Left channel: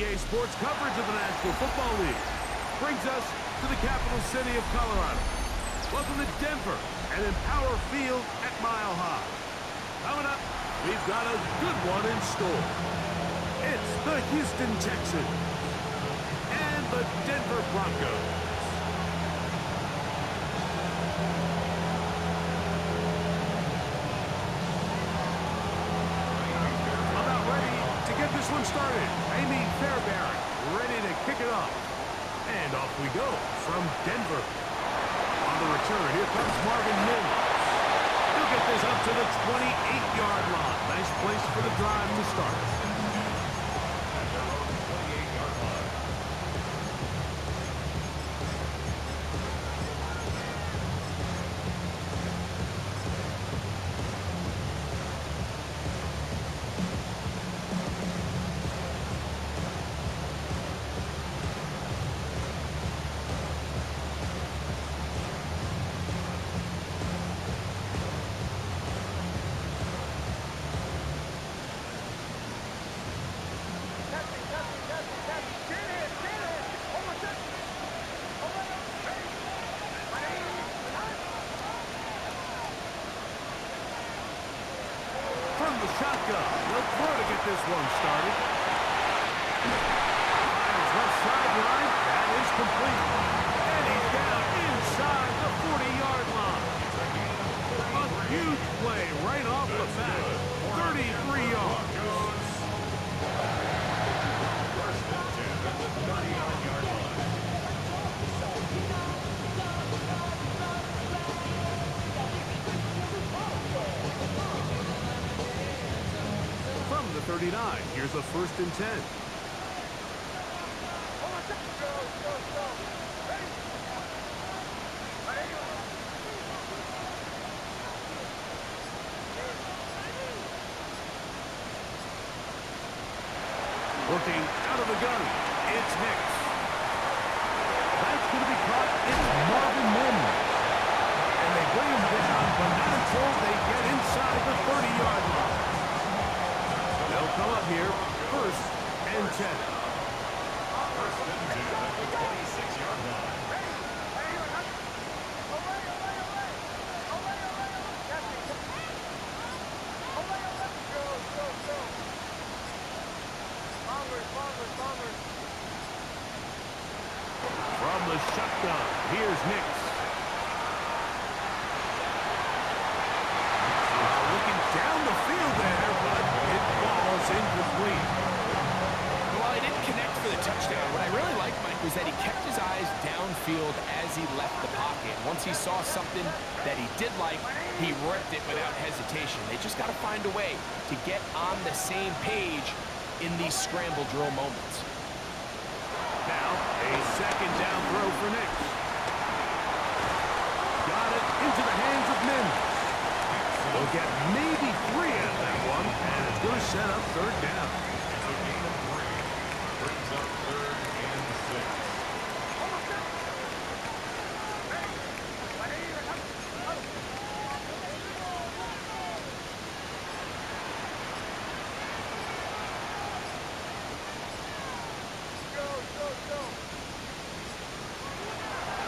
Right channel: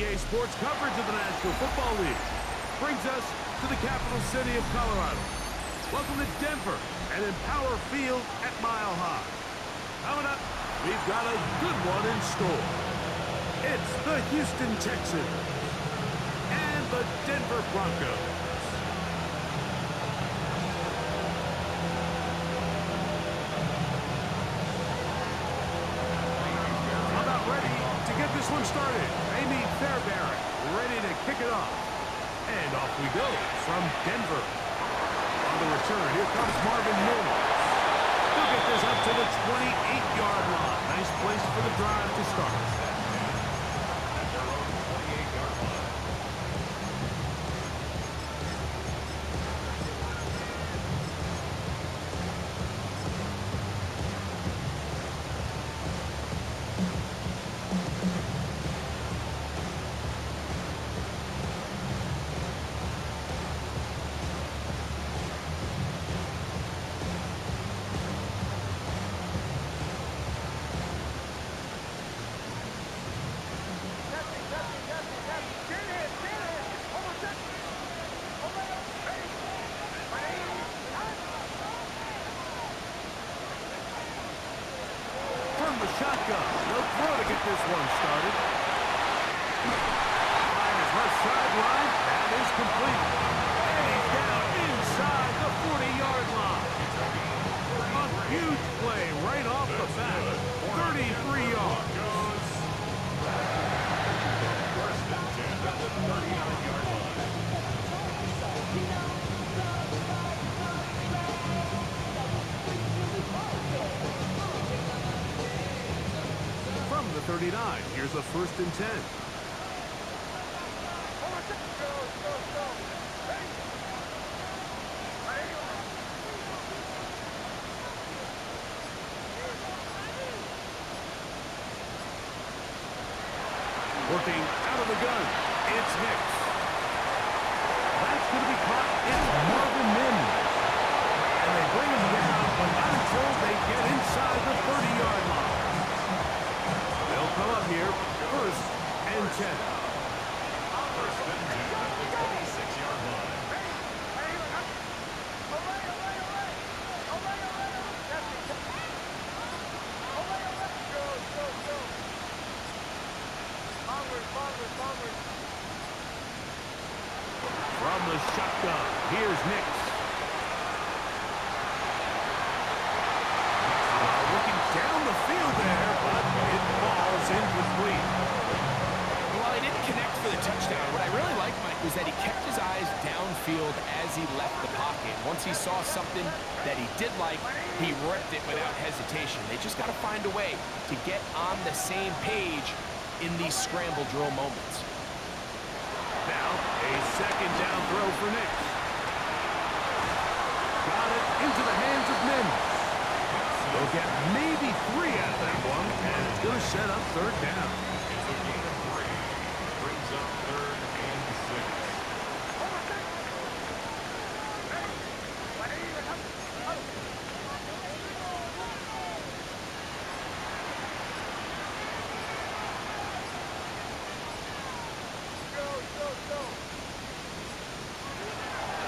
EA Sports coverage of the National Football League brings us to the capital city of Colorado. Welcome to Denver and Empower Field at Mile High. Coming up, we've got a good one in store. It's the Houston Texans and the Denver Broncos. About ready to get this one started. Amy Fairbairn ready to kick it off. And off we go from Denver. On the return, here comes Marvin Mims. He'll get this up to the 28-yard line. Nice place for the drive to start. At their own 28-yard line. From the shotgun, they'll throw to get this one started. Fires left sideline. That is complete. And he's down inside the 40-yard line. A huge play right off the bat. 33 yards. First and 10 at the 39-yard line. From the 39, here's a first and 10. Working out of the gun, it's Hicks. That's going to be caught. It's Marvin Mims. And they bring him down, but not until they get inside the 30-yard line. They'll come up here, first and 10. First and 10 at the 26-yard line. From the shotgun, here's Nix. Looking down the field there, but it falls incomplete. While he didn't connect for the touchdown, what I really liked, Mike, was that he kept his eyes downfield as he left the pocket. Once he saw something that he did like, he ripped it without hesitation. They just got to find a way to get on the same page in these scramble drill moments. Now, a second down throw for Nix. Got it into the hands of Mims. They'll get maybe 3 out of that one, and it's going to set up third down. It's a gain of 3. Brings up third and 6.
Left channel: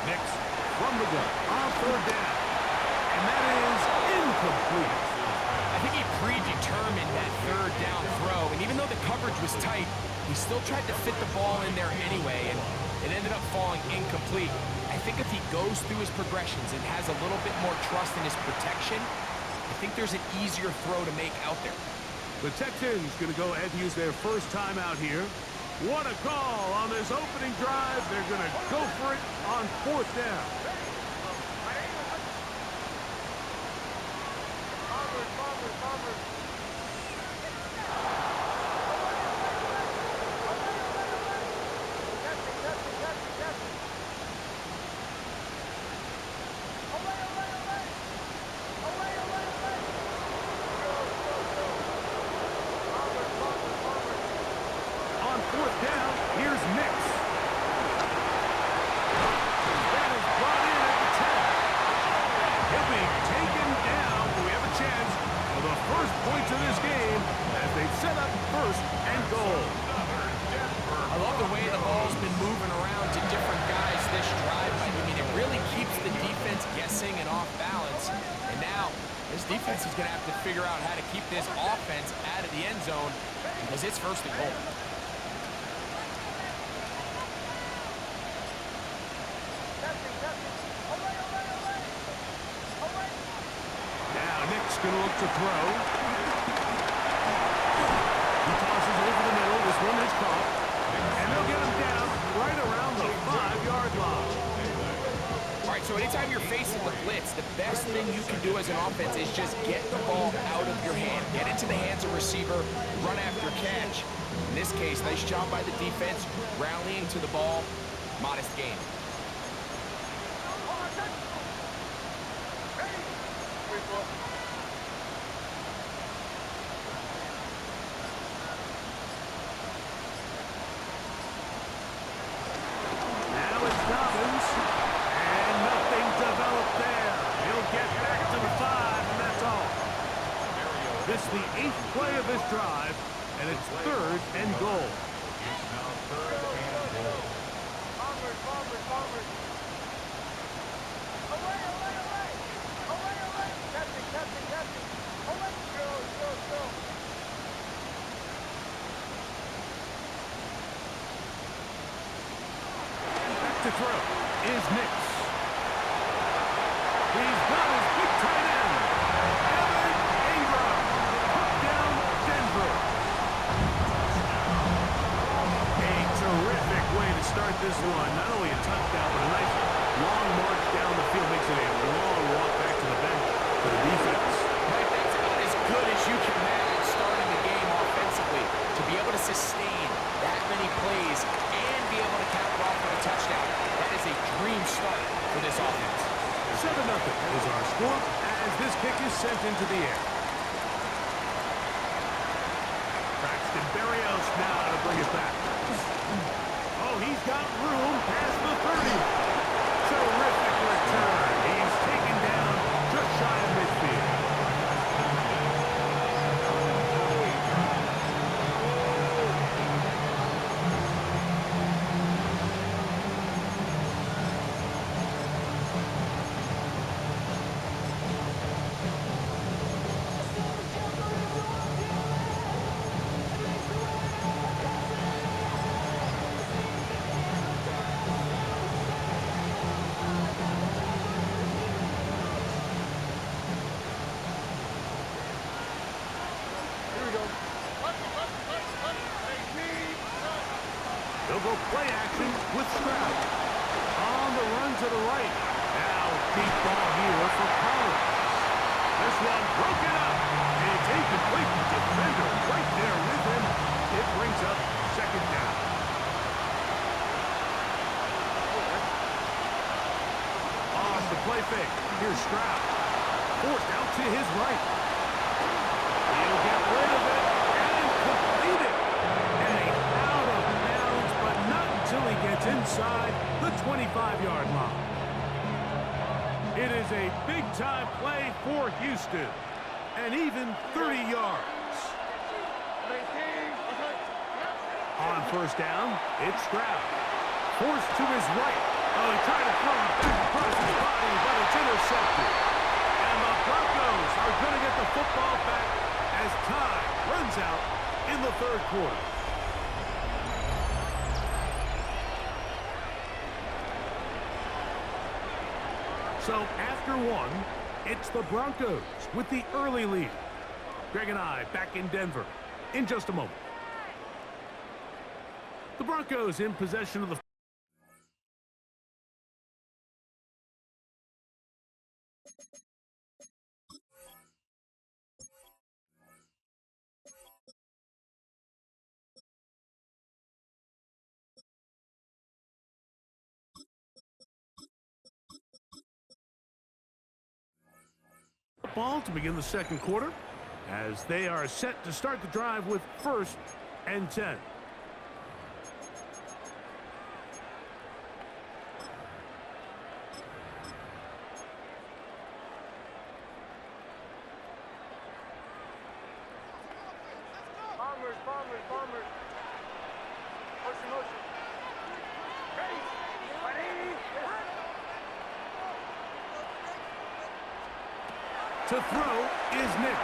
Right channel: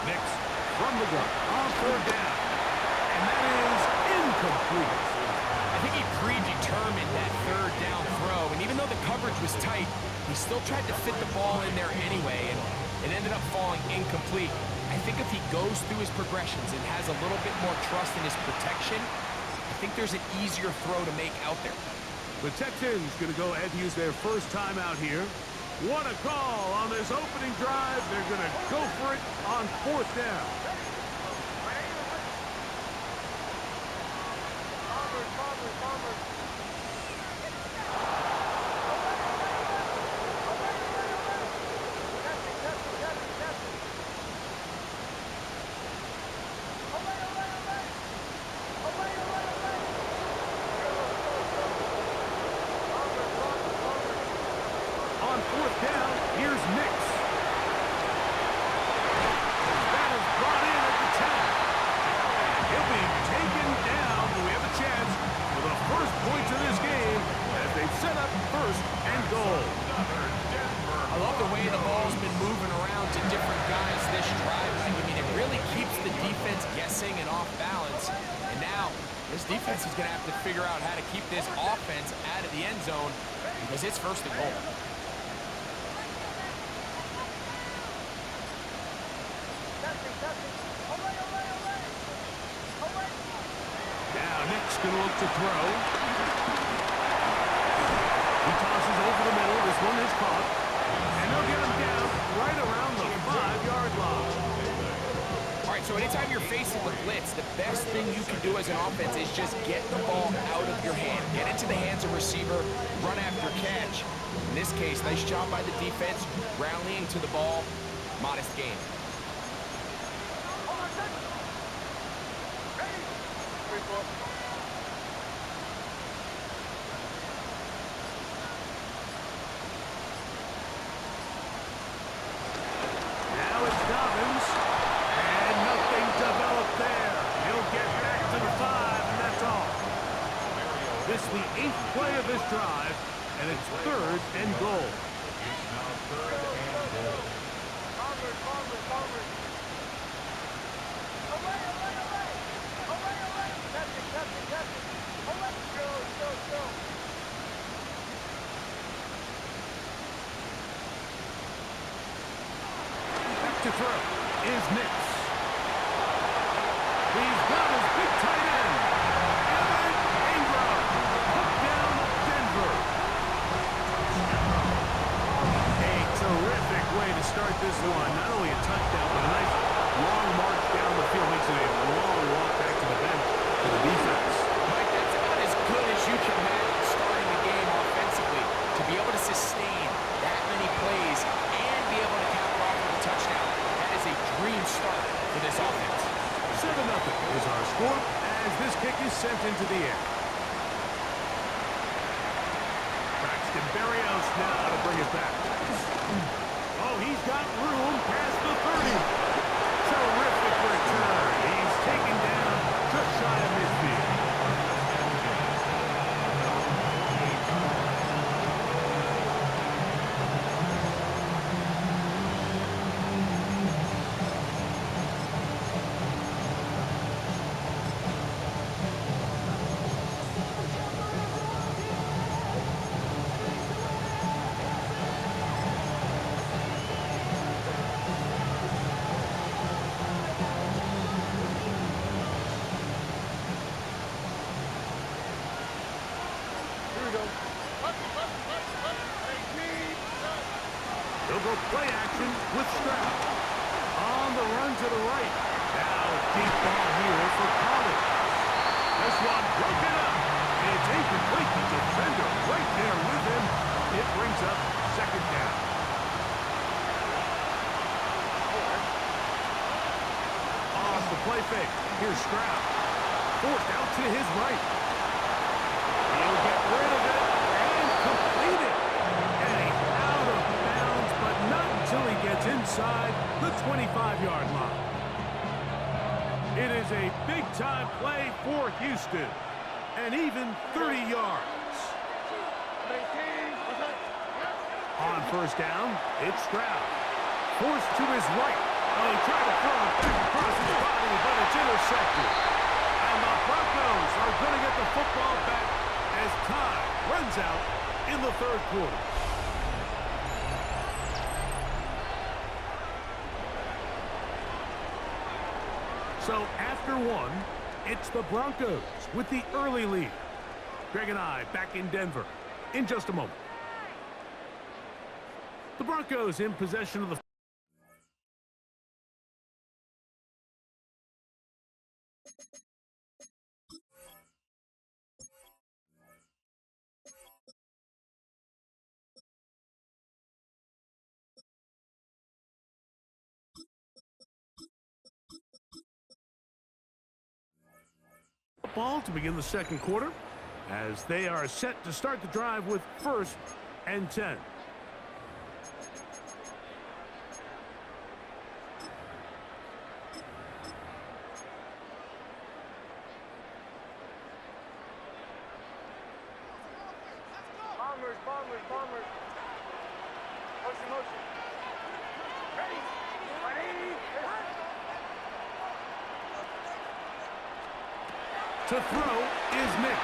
Nix from the gun on third down. And that is incomplete. I think he predetermined that third down throw, and even though the coverage was tight, he still tried to fit the ball in there anyway, and it ended up falling incomplete. I think if he goes through his progressions and has a little bit more trust in his protection, I think there's an easier throw to make out there. The Texans going to go ahead and use their first time out here. What a call on this opening drive. They're going to go for it on fourth down. On fourth down, here's Nix. That is brought in at the 10. And he'll be taken down. We have a chance for the first points of this game as they set up first and goal. Another Denver moving around to different guys this drive, Mike. I mean, it really keeps the defense guessing and off balance. And now, this defense is going to have to figure out how to keep this offense out of the end zone because it's first and goal. Now Nick's going to look to throw. He tosses over the middle. This one is caught. And they'll get him down right around the 5-yard line. All right, so anytime you're facing the blitz, the best thing you can do as an offense is just get the ball out of your hand. Get into the hands of receiver, run after catch. In this case, nice job by the defense, rallying to the ball. Modest gain. Now it's Dobbins, and nothing developed there. He'll get back to the 5, and that's all. This is the 8th play of this drive, and it's 3rd and goal. It's now 3rd and goal. Bombers. Away. Captain. Away. Go. Back to throw is Nix. He's got his big tight end, Evan Ingram. Put down Denver. A terrific way to start this one. Not only a touchdown, but a nice long march down the field. Makes it a long walk back to the bench for the defense. Mike, that's about as good as you can imagine starting the game offensively. To be able to sustain that many plays and be able to cap it off with a touchdown, that is a dream start for this offense. 7-0 is our score as this kick is sent into the air. Braxton Berrios now to bring it back. Oh, he's got room past the 30. Terrific return. He's taken down just shy of midfield. They'll go play action with Stroud. On the run to the right. Now a deep ball here for Collins. This one broken up. And it's incomplete. The defender right there with him. It brings up 2nd down. Off the play fake. Here's Stroud. Forced out to his right. He'll get rid of it and complete it. And he's out of bounds, but not until he gets inside the 25-yard line. It is a big-time play for Houston, and even 30 yards. On 1st down, it's Stroud. Forced to his right. Oh, he tried to throw it back across his body, but it's intercepted. And the Broncos are going to get the football back as time runs out in the 3rd quarter. So after 1, it's the Broncos with the early lead. Greg and I back in Denver in just a moment. The Broncos in possession of the ball to begin the 2nd quarter as they are set to start the drive with 1st and 10. Bombers. Motion. To throw is Nix.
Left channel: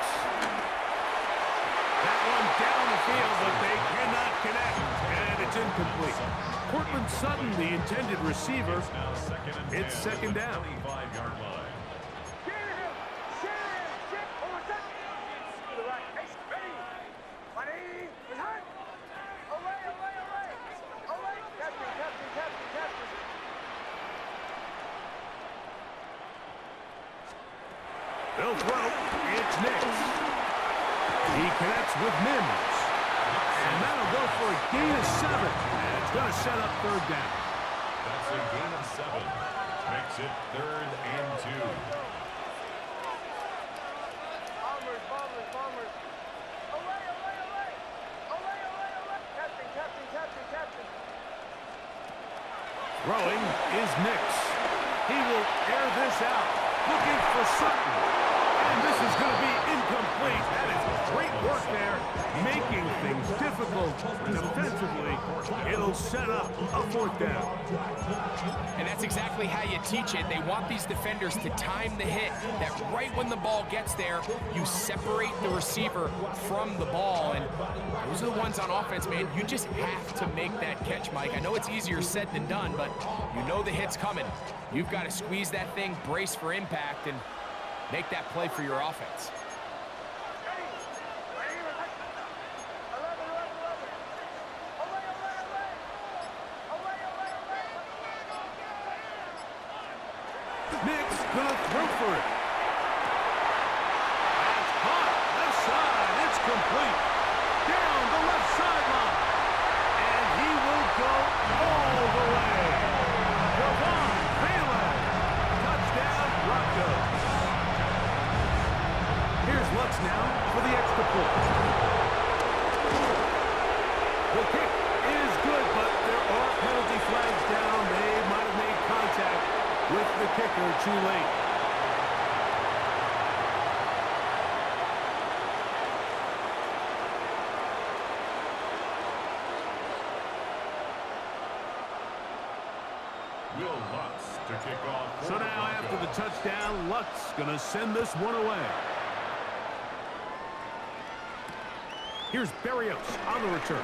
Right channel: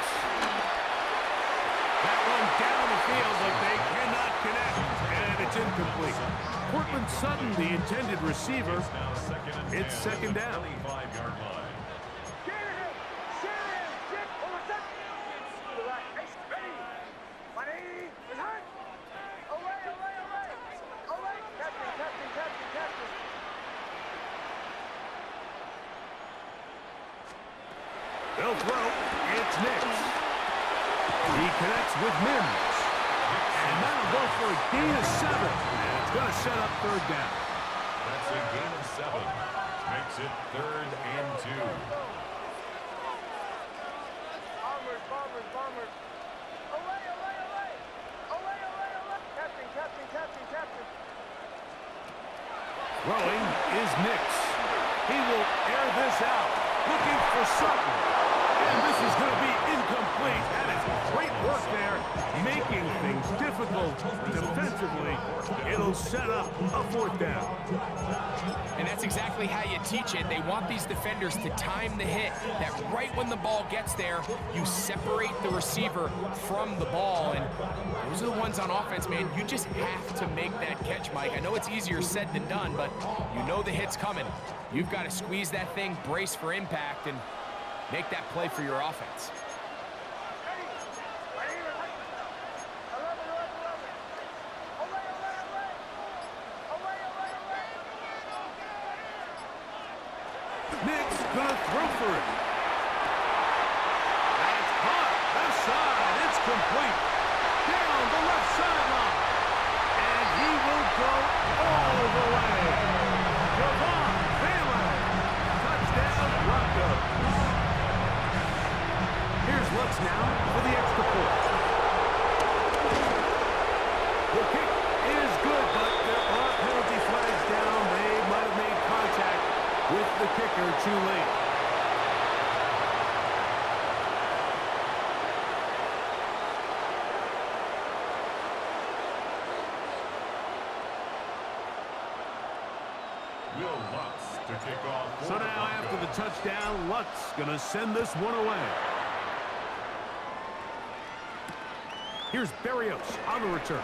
That one down the field, but they cannot connect, and it's incomplete. Cortland Sutton, the intended receiver. It's second down. 25-yard line. They'll throw. It's Nix. He connects with Mims. And that'll go for a gain of 7. And it's going to set up third down. That's a gain of 7. Makes it 3rd and 2. Bombers. Away. Captain. Throwing is Nix. He will air this out. Looking for Sutton. And this is going to be incomplete. That is great work there, making things difficult defensively. It'll set up a fourth down. And that's exactly how you teach it. They want these defenders to time the hit, that right when the ball gets there, you separate the receiver from the ball. And those are the ones on offense, man. You just have to make that catch, Mike. I know it's easier said than done, but you know the hit's coming. You've got to squeeze that thing, brace for impact, and make that play for your offense. Nick's gonna throw for it. That's caught. Left side. It's complete. Down the left sideline. And he will go all the way. Javon Bailey. Touchdown, Broncos. Here's Lutz now for the extra point. The kick is good, but there are penalty flags down. They might have made contact with the kicker too late. Will Lutz to kick off. So now after the touchdown, Lutz going to send this one away. Here's Berrios on the return.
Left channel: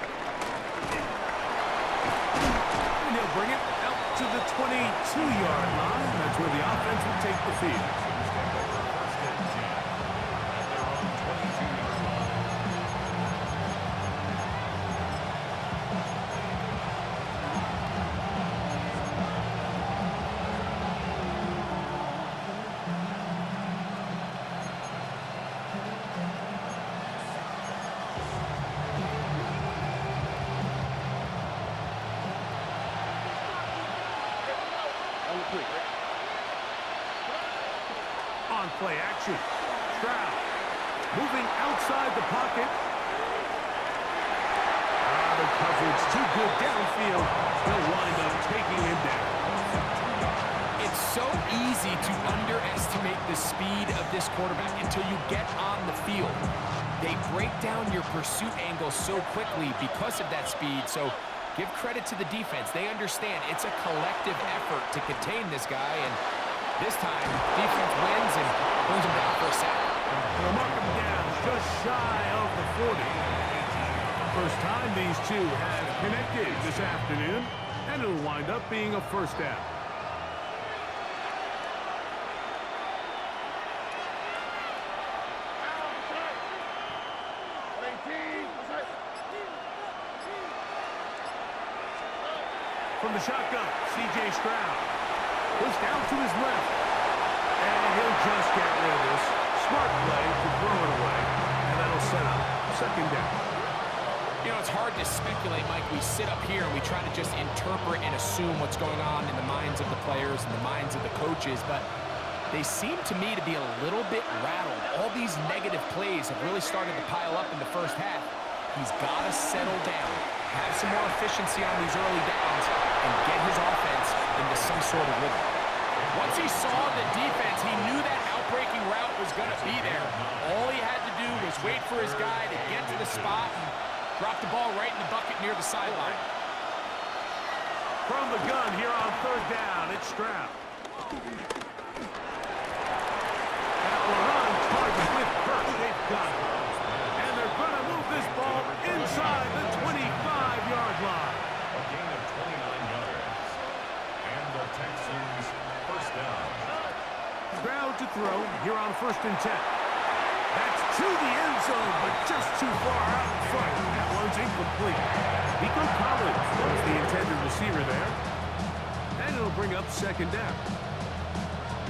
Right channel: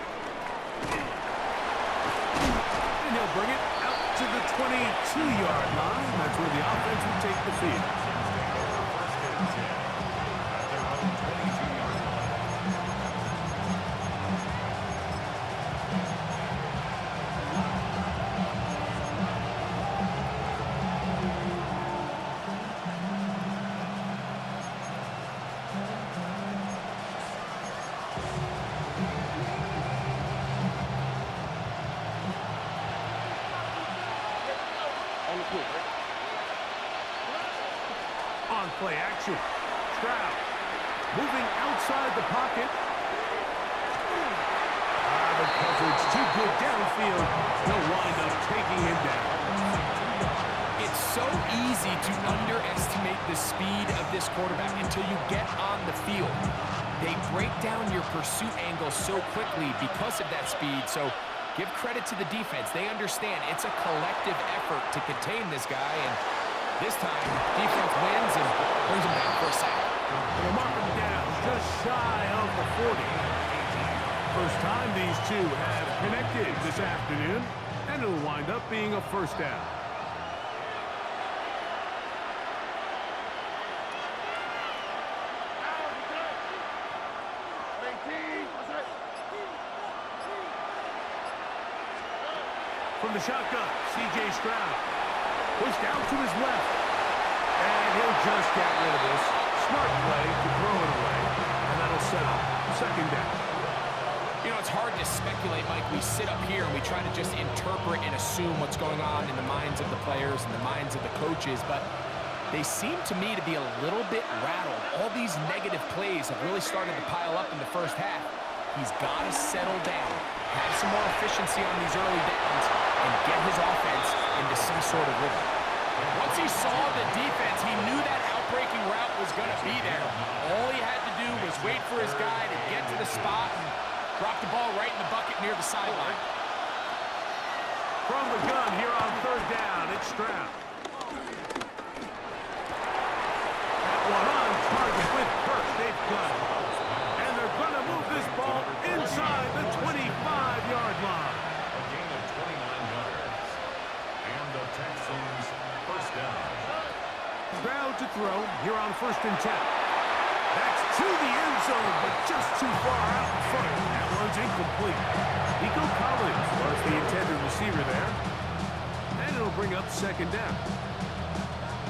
And he'll bring it out to the 22-yard line. That's where the offense will take the field. Take over 1st and 10 at their own 22-yard line. On play action. Stroud moving outside the pocket. The coverage too good downfield. They'll wind up taking him down. It's so easy to underestimate the speed of this quarterback until you get on the field. They break down your pursuit angle so quickly because of that speed. So give credit to the defense. They understand it's a collective effort to contain this guy, and this time defense wins and brings him down for a sack. They'll mark him down just shy of the 40. First time these two have connected this afternoon, and it'll wind up being a first down. From the shotgun, C.J. Stroud. Pushed out to his left. And he'll just get rid of this. Smart play to throw it away. And that'll set up second down. You know, it's hard to speculate, Mike. We sit up here and we try to just interpret and assume what's going on in the minds of the players and the minds of the coaches, but they seem to me to be a little bit rattled. All these negative plays have really started to pile up in the first half. He's got to settle down, have some more efficiency on these early downs, and get his offense into some sort of rhythm. Once he saw the defense, he knew that outbreaking route was going to be there. All he had to do was wait for his guy to get to the spot and drop the ball right in the bucket near the sideline. From the gun here on third down, it's Stroud. That one on target with Kirk. They've got it. And they're going to move this ball inside the 25-yard line. A gain of 29 yards. And the Texans first down. Stroud to throw here on 1st and 10. That's to the end zone, but just too far out in front. That one's incomplete. Nico Collins was the intended receiver there. And it'll bring up 2nd down.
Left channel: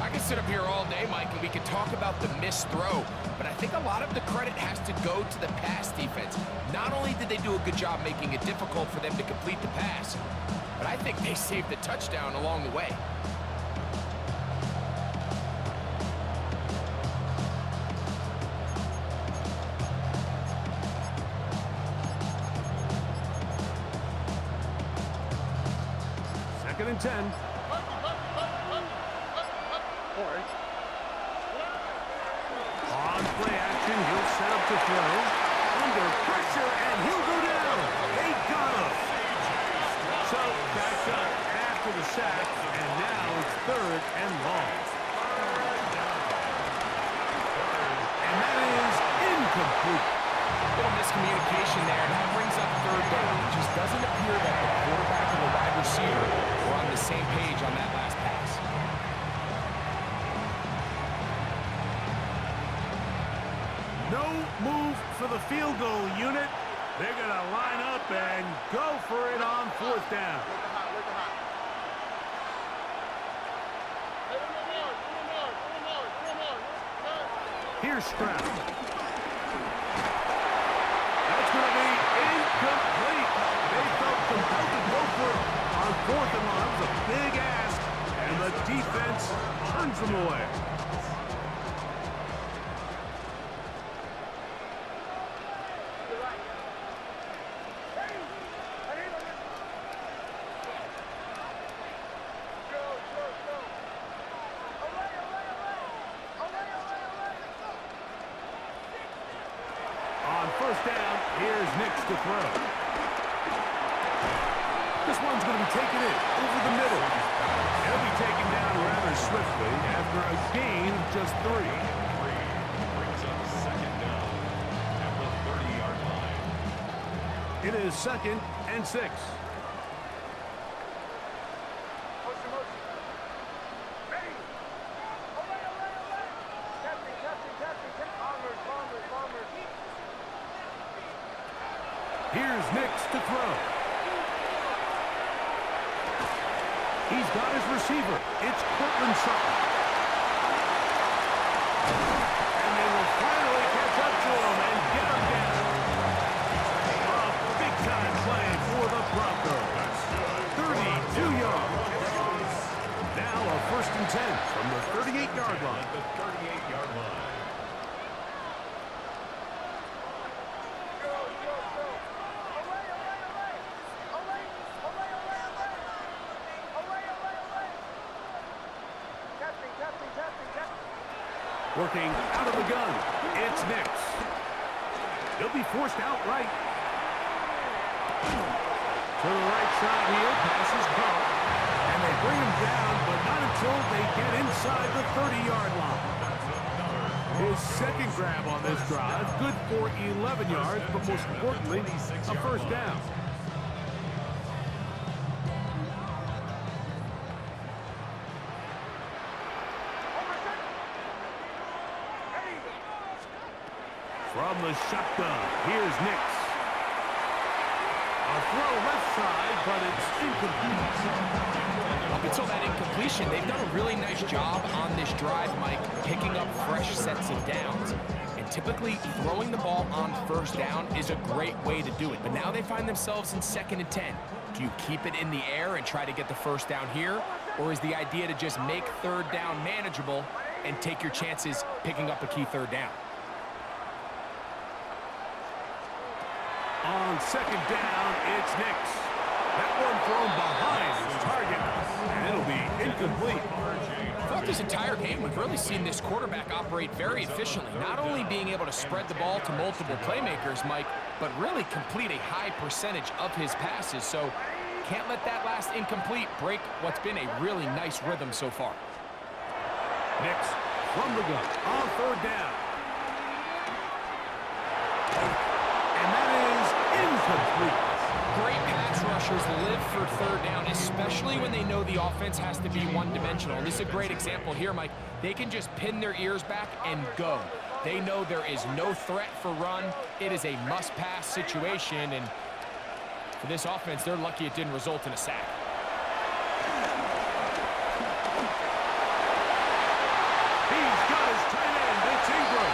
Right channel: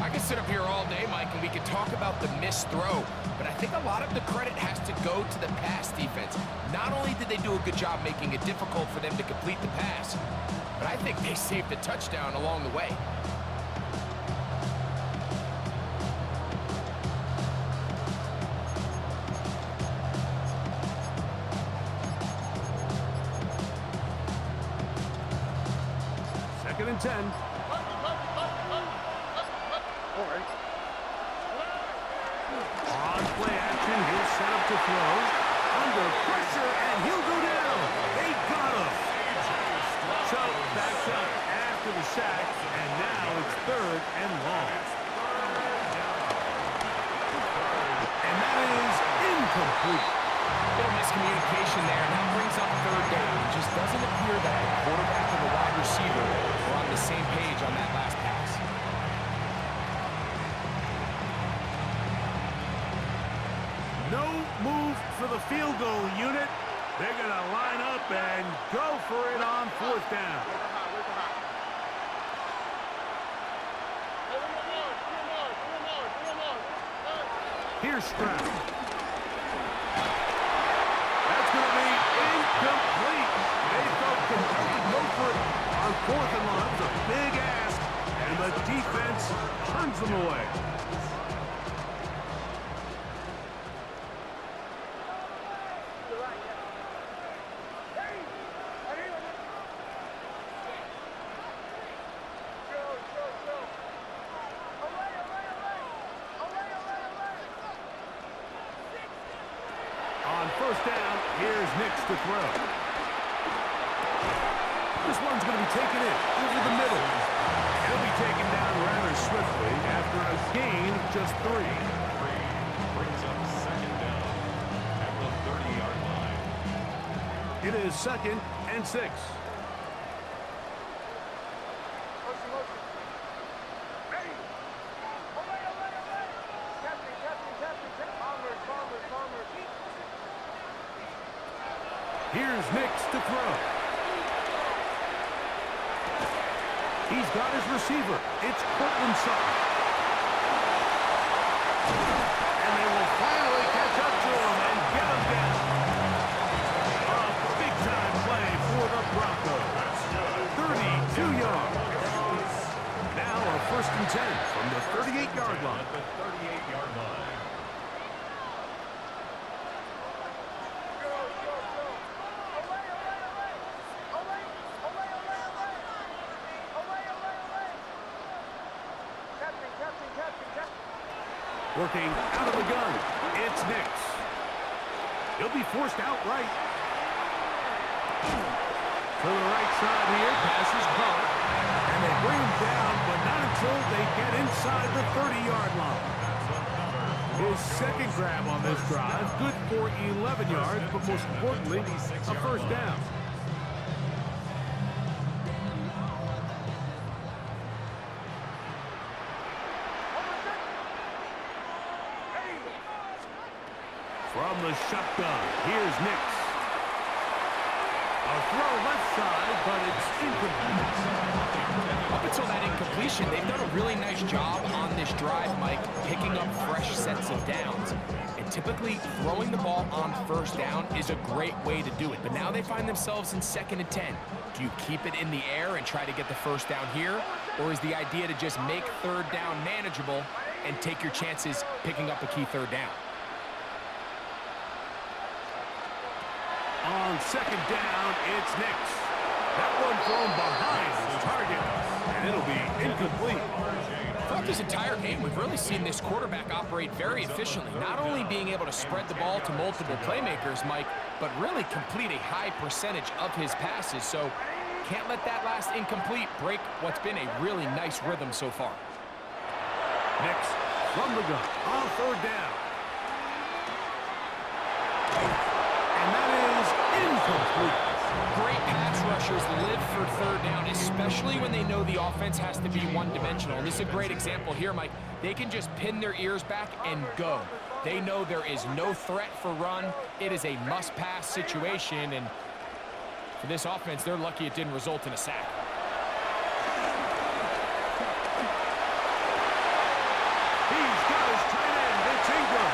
I could sit up here all day, Mike, and we could talk about the missed throw, but I think a lot of the credit has to go to the pass defense. Not only did they do a good job making it difficult for them to complete the pass, but I think they saved the touchdown along the way. Second and 10. On play action, he'll set up to throw. Under pressure, and he'll go down. They got him. So, backed up after the sack, and now it's 3rd and long. And that is incomplete. Little miscommunication there, and that brings up 3rd down. It just doesn't appear that the quarterback and the wide receiver were on the same page on that last pass. No move for the field goal unit. They're going to line up and go for it on 4th down. Here's Stroud. That's going to be incomplete. They felt compelled to go for it on 4th and long. That was a big ask, and the defense turns them away. On 1st down, here's Nix to throw. This one's going to be taken in over the middle. He'll be taken down rather swiftly after a gain of just 3. Brings up 2nd down at the 30-yard line. It is 2nd and 6. Here's Nix to throw. He's got his receiver. It's Cortland Sutton. And they will finally catch up to him and get him down. A big-time play for the Broncos. 32 yards. Now a 1st and 10 from the 38-yard line. At the 38-yard line. Working out of the gun, it's Nix. He'll be forced outright. To the right side here, pass is caught. And they bring him down, but not until they get inside the 30-yard line. His 2nd grab on this drive, good for 11 yards, but most importantly, a 1st down. From the shotgun, here's Nix. A throw left side, but it's incomplete. Up until that incompletion, they've done a really nice job on this drive, Mike, picking up fresh sets of downs. And typically, throwing the ball on 1st down is a great way to do it. But now they find themselves in 2nd and 10. Do you keep it in the air and try to get the 1st down here? Or is the idea to just make 3rd down manageable and take your chances picking up a key 3rd down? On 2nd down, it's Nix. That one thrown behind his target, and it'll be incomplete. Throughout this entire game, we've really seen this quarterback operate very efficiently, not only being able to spread the ball to multiple playmakers, Mike, but really complete a high percentage of his passes. So can't let that last incomplete break what's been a really nice rhythm so far. Nix from the gun on 3rd down. And that is incomplete. Great pass rushers live for third down, especially when they know the offense has to be one-dimensional. And this is a great example here, Mike. They can just pin their ears back and go. They know there is no threat for run. It is a must-pass situation, and for this offense, they're lucky it didn't result in a sack. He's got his tight end. It's Ingram.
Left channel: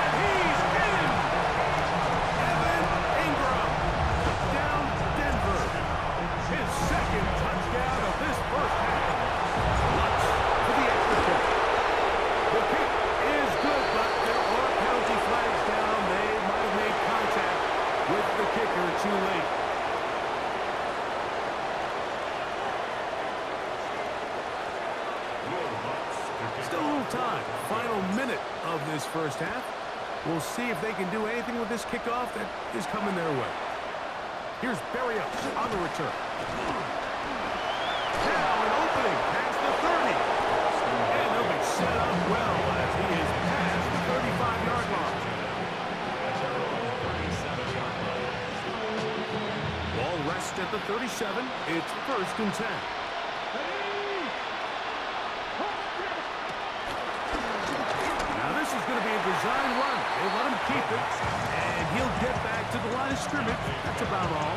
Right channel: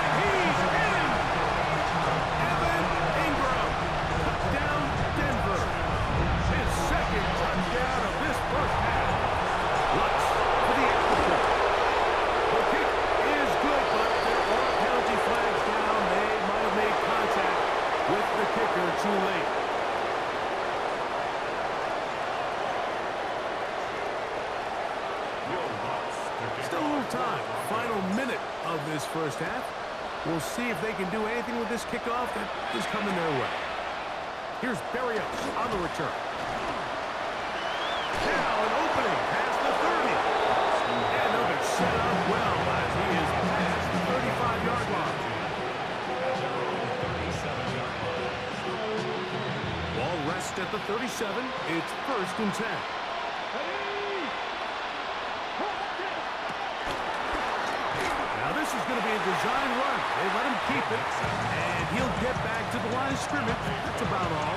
And he's in. Evan Ingram. Touchdown, Denver. His second touchdown of this first half. Lutz for the extra point. The kick is good, but there are penalty flags down. They might have made contact with the kicker too late. Still a little time. Final minute of this first half. We'll see if they can do anything with this kickoff that is coming their way. Here's Berrios on the return. Now an opening past the 30. And they'll be set up well as he is past the 35-yard line. Ball rests at the 37. It's 1st and 10. Now this is going to be a design run. They let him keep it, and he'll get back to the line of scrimmage. That's about all.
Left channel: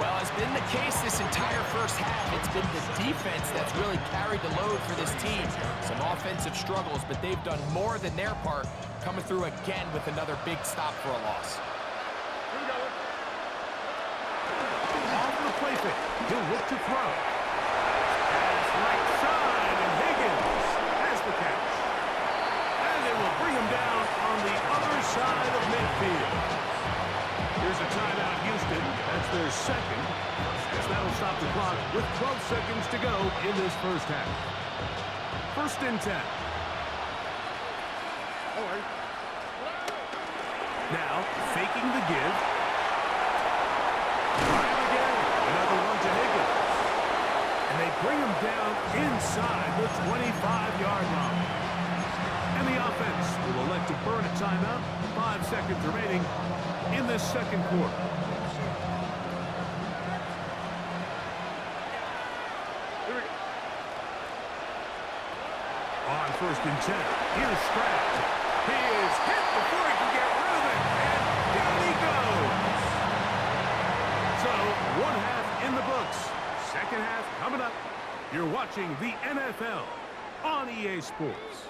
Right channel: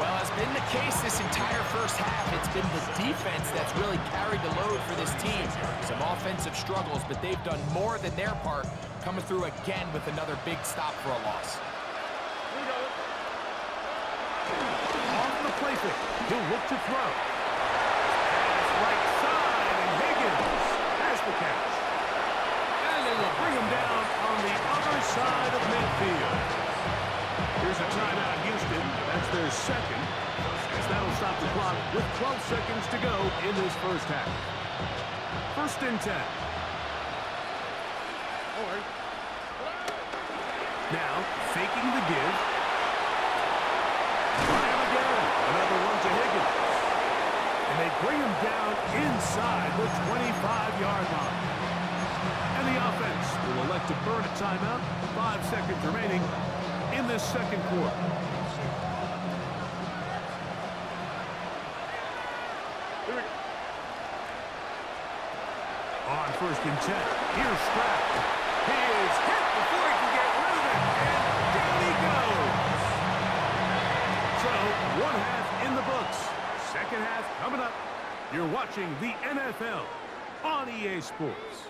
Well, as been the case this entire first half, it's been the defense that's really carried the load for this team. Some offensive struggles, but they've done more than their part, coming through again with another big stop for a loss. Off the play fake. He'll look to throw. Pass right side, and Higgins has the catch. And they will bring him down on the other side of midfield. Here's a timeout, Houston. That's their second, as that'll stop the clock with 12 seconds to go in this first half. 1st and 10. Now, faking the give. Try him again. Another one to Higgins. And they bring him down inside the 25-yard line. And the offense will elect to burn a timeout. 5 seconds remaining in this second quarter. On 1st and 10, here's Stroud. He is hit before he can get rid of it, and down he goes. So, 1 half in the books. Second half coming up. You're watching the NFL on EA Sports.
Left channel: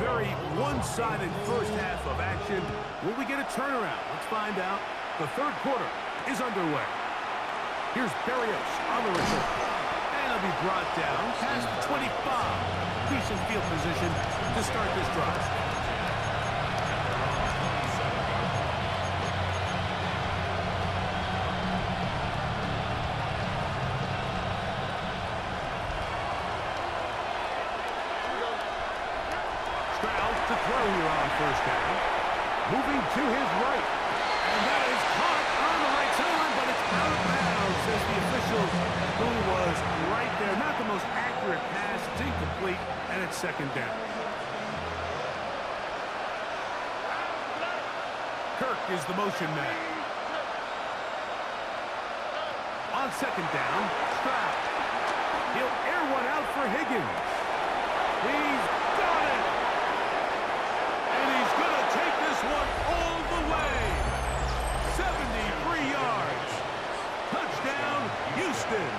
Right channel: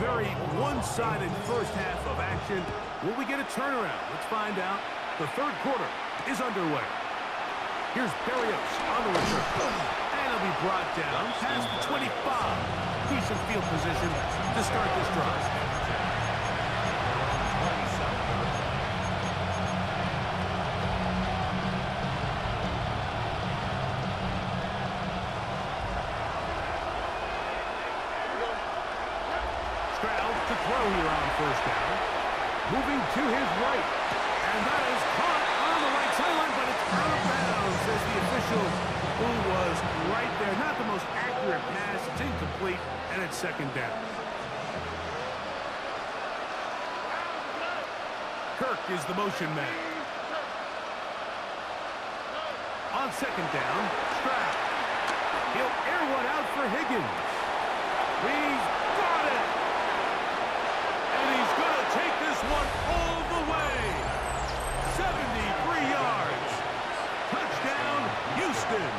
Very one-sided first half of action. Will we get a turnaround? Let's find out. The third quarter is underway. Here's Berrios on the return. And he'll be brought down past the 25. Decent field position to start this drive. To throw here on 1st down. Moving to his right. And that is caught on the right sideline, but it's out of bounds, says the official who was right there. Not the most accurate pass. It's incomplete, and it's 2nd down. Kirk is the motion man. On 2nd down, Stroud. He'll air one out for Higgins. He's got it. And he's going to take this one all the way. 73 yards. Touchdown, Houston.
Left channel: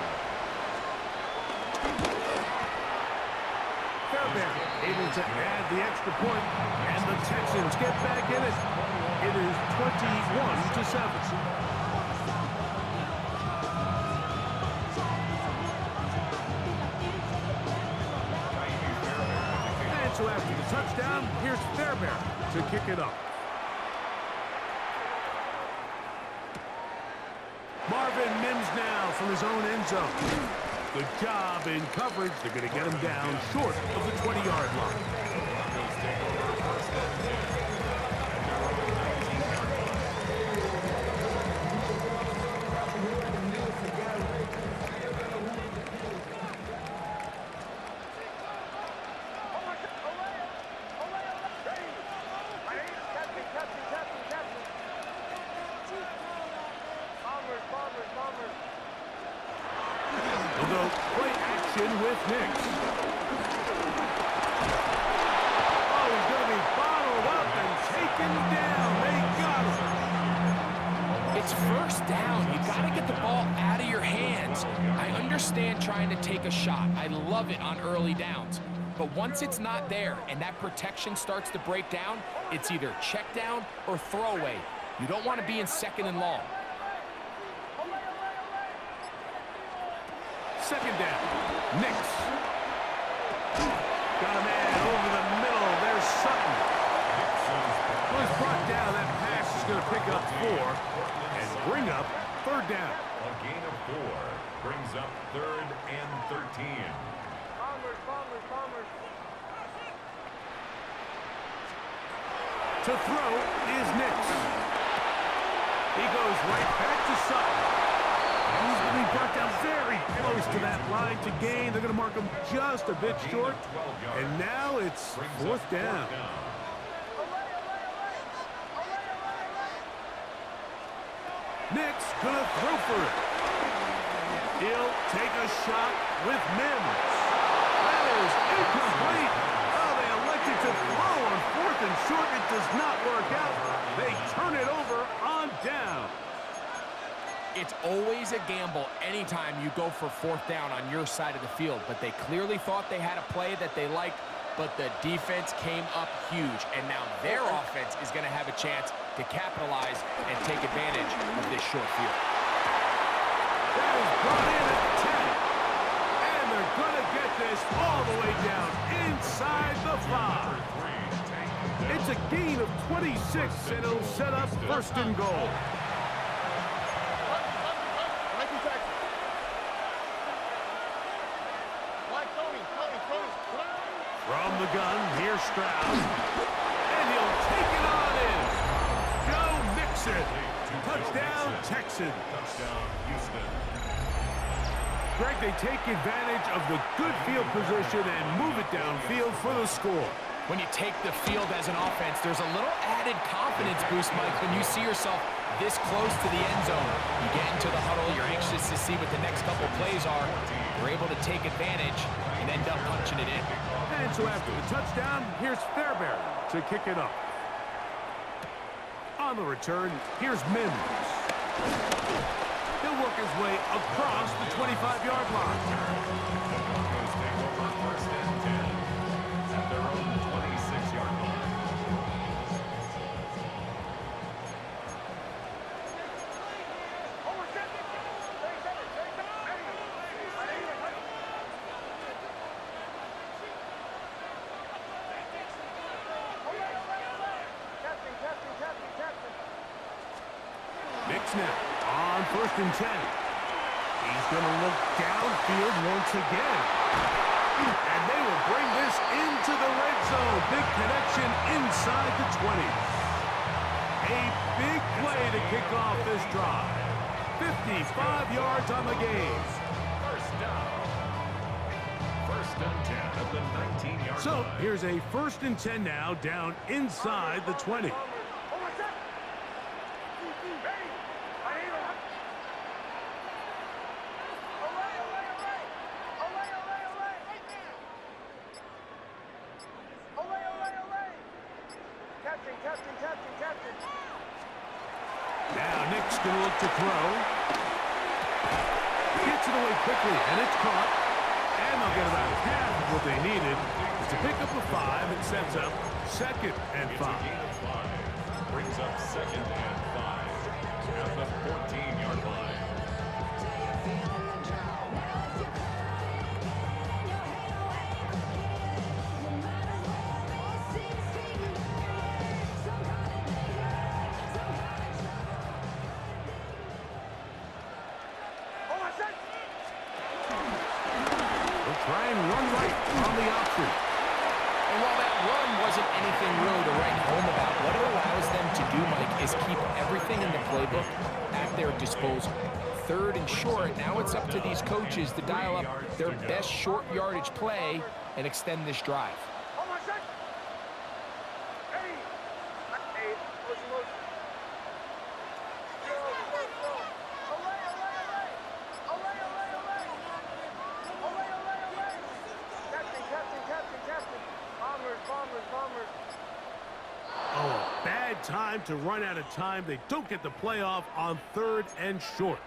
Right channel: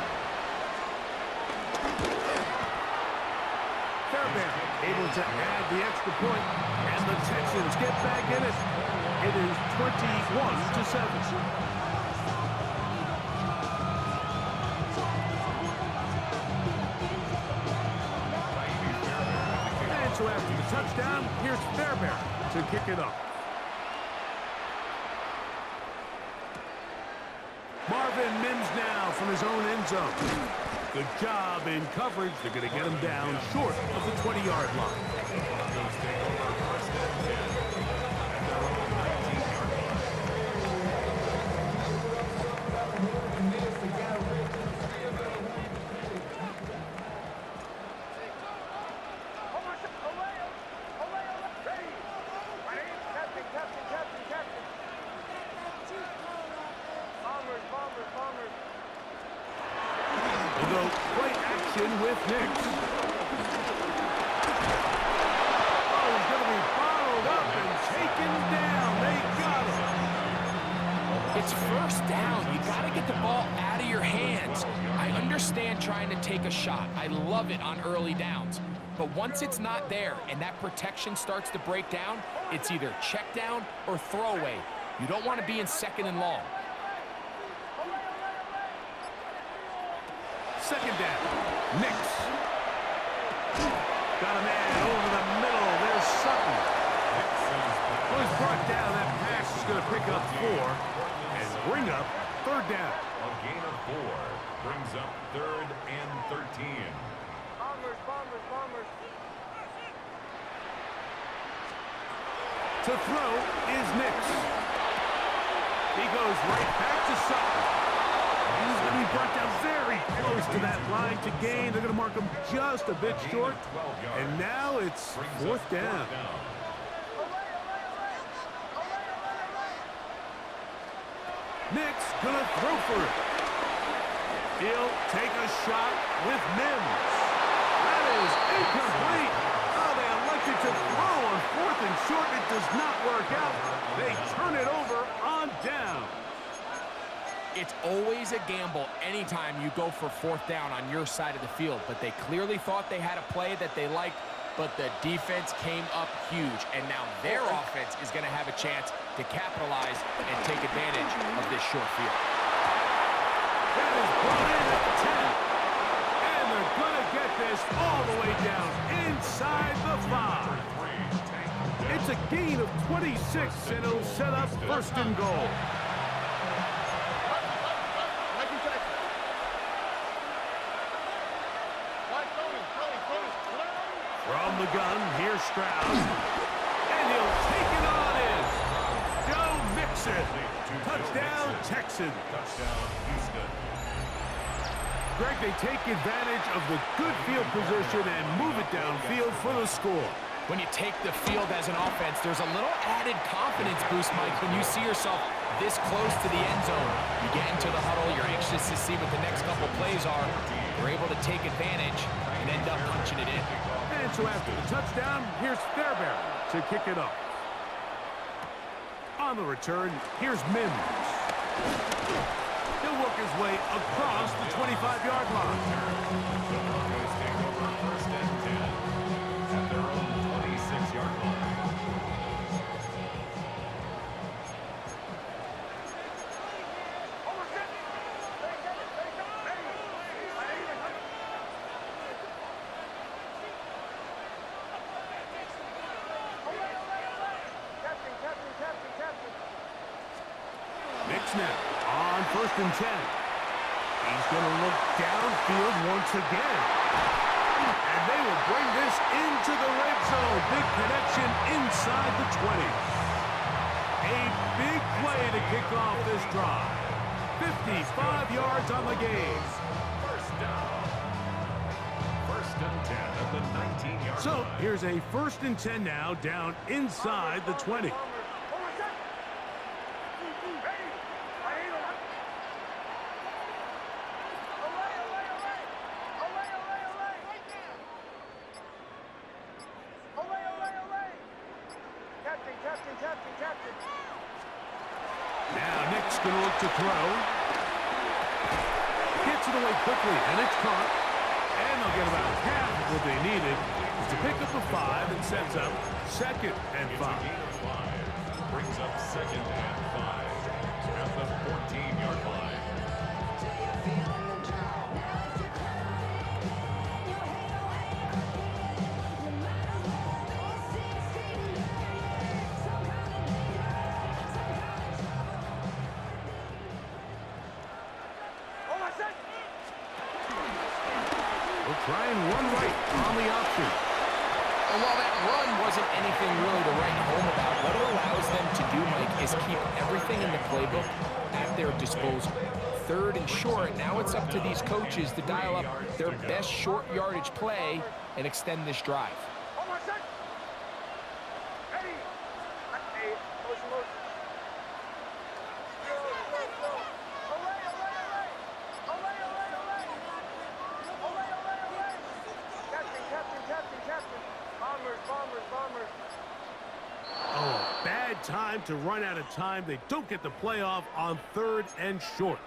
Fairbairn able to add the extra point, and the Texans get back in it. It is 21-7. So after the touchdown, here's Fairbairn to kick it up. Marvin Mims now from his own end zone. Good job in coverage. They're going to get him down short of the 20-yard line. Broncos take over 1st and 10 at their own 19-yard line. We'll go play action with Nix. Oh, he's going to be bottled up and taken down. They got him. It's first down. You got to get the ball out of your hands. I understand trying to take a shot. I love it on early downs. But once it's not there and that protection starts to break down, it's either check down or throwaway. You don't want to be in second and long. Second down. Nix. Got a man over the middle. There's Sutton. Well, he's brought down. That pass is going to pick up 4 and bring up third down. A gain of 4 brings up 3rd and 13. Bombers, bombers, bombers. To throw is Nix. He goes right back to Sutton. He's going to be brought down very close to that line to gain. They're going to mark him just a bit short. And now it's fourth down. Nix going to throw for it. He'll take a shot with Mims. That is incomplete. Oh, they elected to throw on 4th and short. It does not work out. They turn it over on down. It's always a gamble anytime you go for 4th down on your side of the field, but they clearly thought they had a play that they liked, but the defense came up huge, and now their offense is going to have a chance to capitalize and take advantage of this short field. That is brought in at the 10, and they're going to get this all the way down inside the 5. It's a gain of 26, and it'll set up first and goal. From the gun, here's Stroud. And he'll take it on in. Joe Mixon. Touchdown, Texans. Touchdown, Houston. Greg, they take advantage of the good field position and move it downfield for the score. When you take the field as an offense, there's a little added confidence boost, Mike, when you see yourself this close to the end zone. You get into the huddle, you're anxious to see what the next couple plays are. You're able to take advantage and end up punching it in. And so after the touchdown, here's Fairbairn to kick it off. On the return, here's Mims. He'll work his way across the 25-yard line. The Broncos take over 1st and 10 at their own 26-yard line. Nix now on 1st and 10. He's going to look downfield once again. And they will bring this into the red zone. Big connection inside the 20. A big play to kick off this drive. 55 yards on the game. First down. 1st and 10 at the 19-yard line. So here's a 1st and 10 now down inside the 20. Captain. Now Nick's going to look to throw. Gets it away quickly, and it's caught. And they'll get about half of what they needed. It's a pick up of 5 and sets up 2nd and 5. It's a gain of 5. Brings up 2nd and 5 at the 14-yard line. Try and run right on the option. And while that run wasn't anything really to write home about, what it allows them to do, Mike, is keep everything in the playbook at their disposal. 3rd and short, now it's up to these coaches to dial up their best short yardage play and extend this drive. Bad time to run out of time. They don't get the playoff on 3rd and short.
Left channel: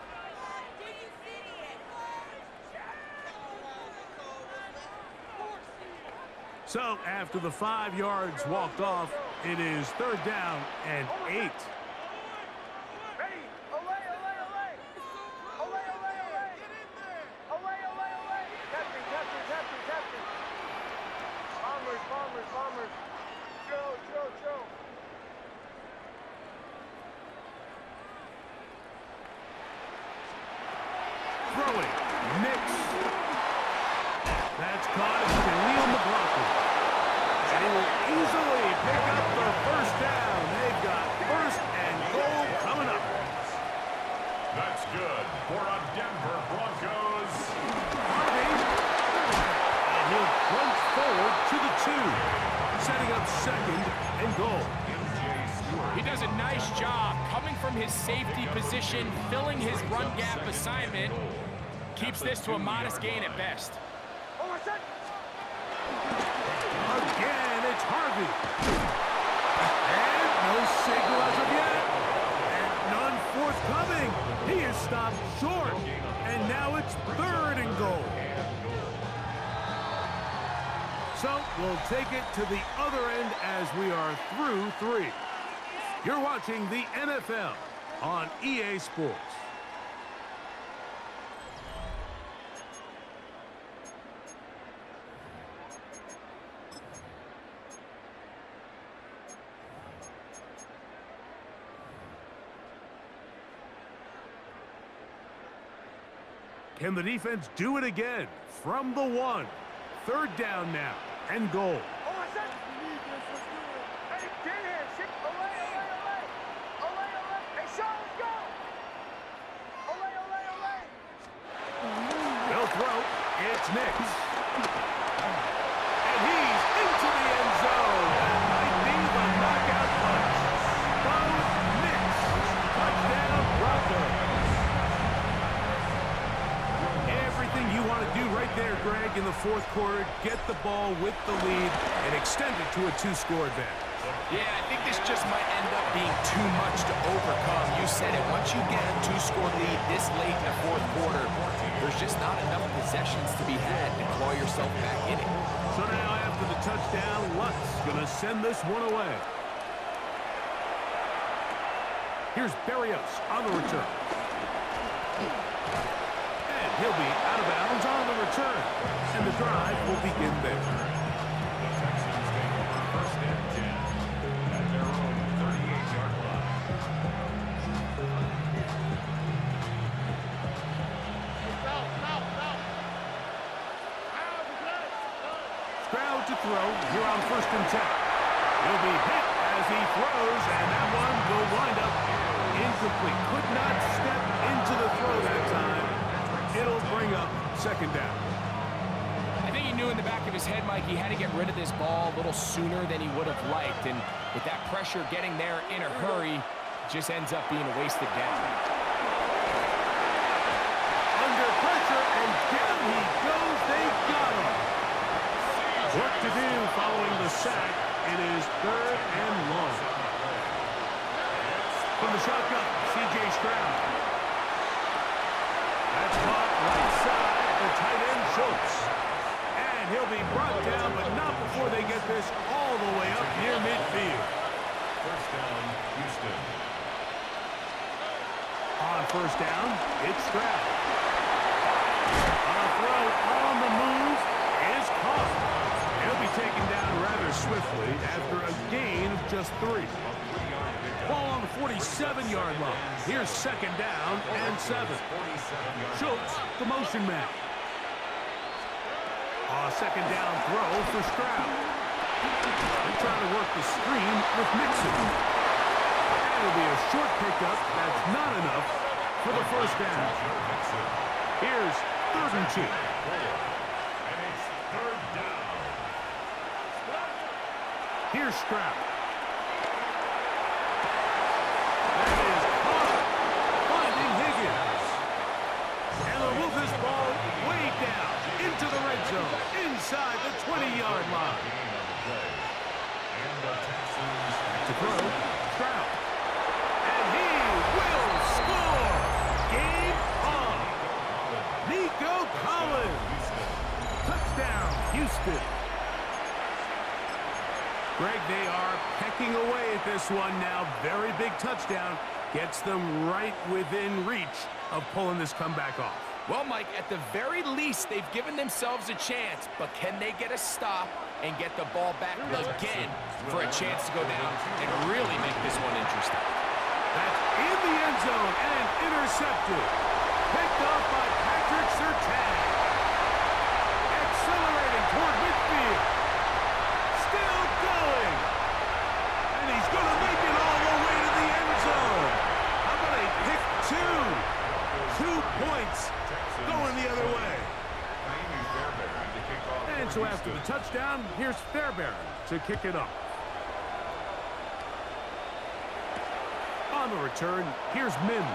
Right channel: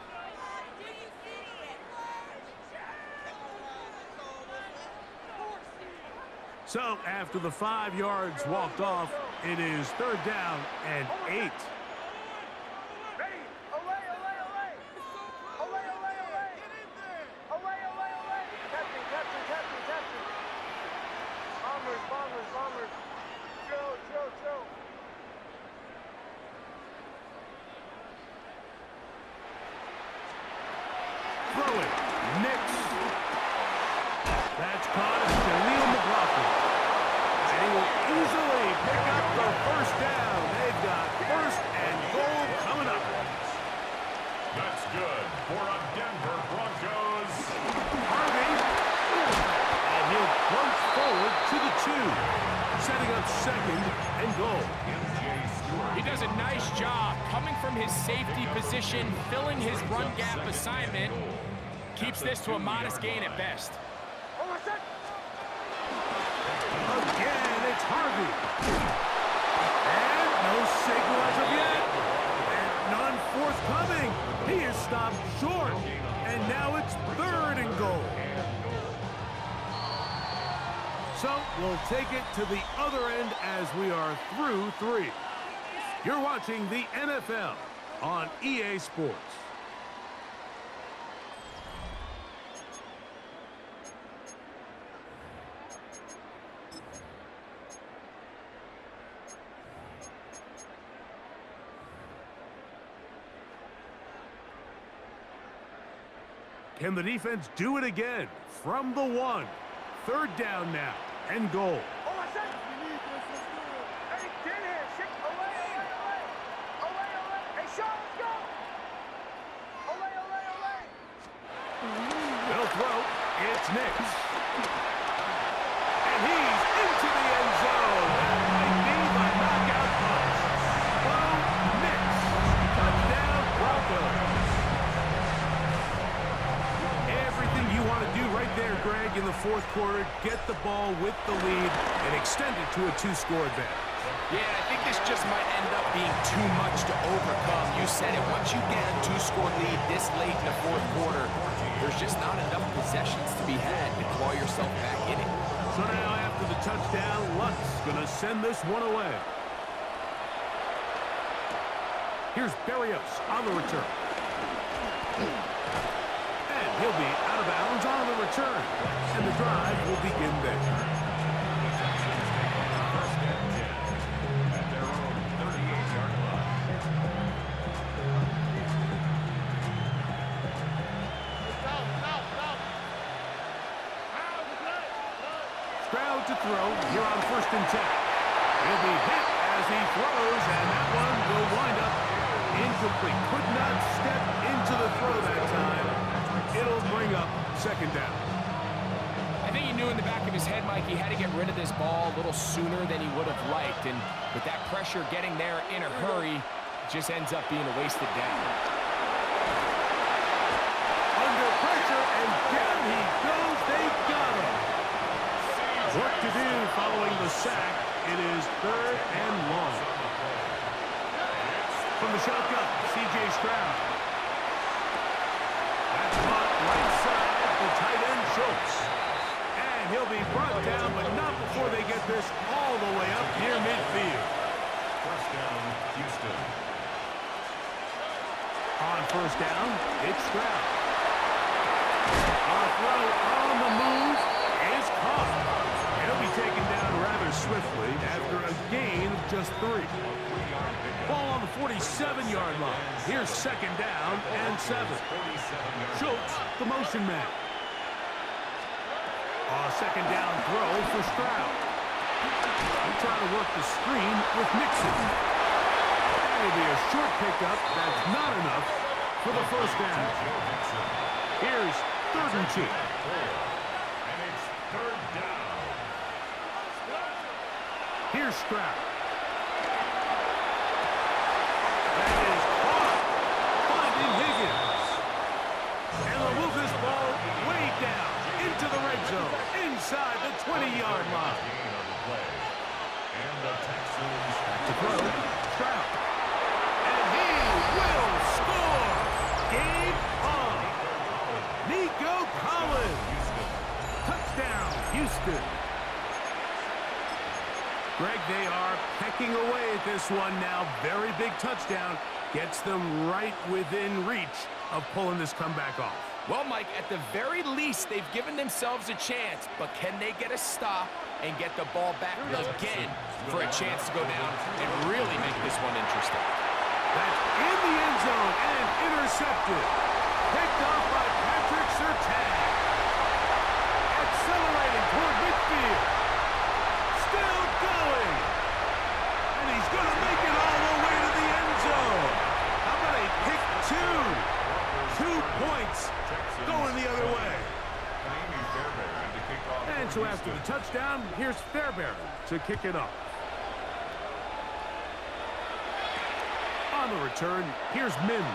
So after the 5 yards walked off, it is 3rd down and 8. Bombers. Joe. Throwing. Nix. That's caught as Khalil McLaughlin. And he will easily pick up the 1st down. They've got 1st and goal coming up. That's good for a Denver Broncos. Harvey. And he'll plunge forward to the 2. Setting up 2nd and goal. He does a nice job coming from his safety position, filling his run gap assignment. Keeps this to a modest gain at best. Again, it's Harvey. And no signal as of yet. And none forthcoming. He is stopped short. And now it's 3rd and goal. So we'll take it to the other end as we are through 3. You're watching the NFL on EA Sports. Can the defense do it again from the 1? 3rd down now and goal. They'll throw. It's Nix. And he's into the end zone. That might be the knockout punch. Bo Nix. Touchdown Broncos. Everything you want to do right there, Greg, in the 4th quarter. Get the ball with the lead and extend it to a 2-score advantage. Yeah, I think this just might end up being too much to overcome. You said it. Once you get a 2-score lead this late in the 4th quarter, there's just not enough possessions to be had to claw yourself back in it. So now after the touchdown, Lutt's going to send this one away. Here's Berrios on the return. And he'll be out of bounds on the return. And the drive will begin there. The Texans take over 1st and 10 at their own 38-yard line. Stroud to throw here on 1st and 10. He'll be hit as he throws, and that one will wind up incomplete. Could not step into the throw that time. It'll bring up 2nd down. I think he knew in the back of his head, Mike, he had to get rid of this ball a little sooner than he would have liked. And with that pressure getting there in a hurry, it just ends up being a wasted down. Under pressure, and down he goes. They got him. Work to do following the sack. It is 3rd and long. From the shotgun, C.J. Stroud. That's caught right side, the tight end Schultz. And he'll be brought down, but not before they get this all the way up near midfield. 1st down, Houston. On 1st down, it's Stroud. A throw on the move is caught. He'll be taken down rather swiftly after a gain of just 3. Ball on the 47-yard line. Here's 2nd down and 7. Schultz, the motion man. A 2nd down throw for Stroud. He'll try to work the screen with Mixon. And it'll be a short pickup. That's not enough for the 1st down. Here's 3rd and 2. And it's 3rd down. Here's Stroud. That is caught. Finding Higgins. And they'll move this ball way down into the red zone, inside the 20-yard line. And the Texans Back to throw. go, Collins. Touchdown, Houston. Greg, they are pecking away at this one now. Very big touchdown. Gets them right within reach of pulling this comeback off. Well, Mike, at the very least, they've given themselves a chance, but can they get a stop and get the ball back again for a chance to go down and really make this one interesting? That's in the end zone and intercepted. Picked off by Patrick Surtain. Accelerating toward midfield. Still going. And he's going to make it all the way to the end zone. How about a pick two? 2 points going the other way. And so after the touchdown, here's Fairbairn to kick it off. On the return, here's Mims.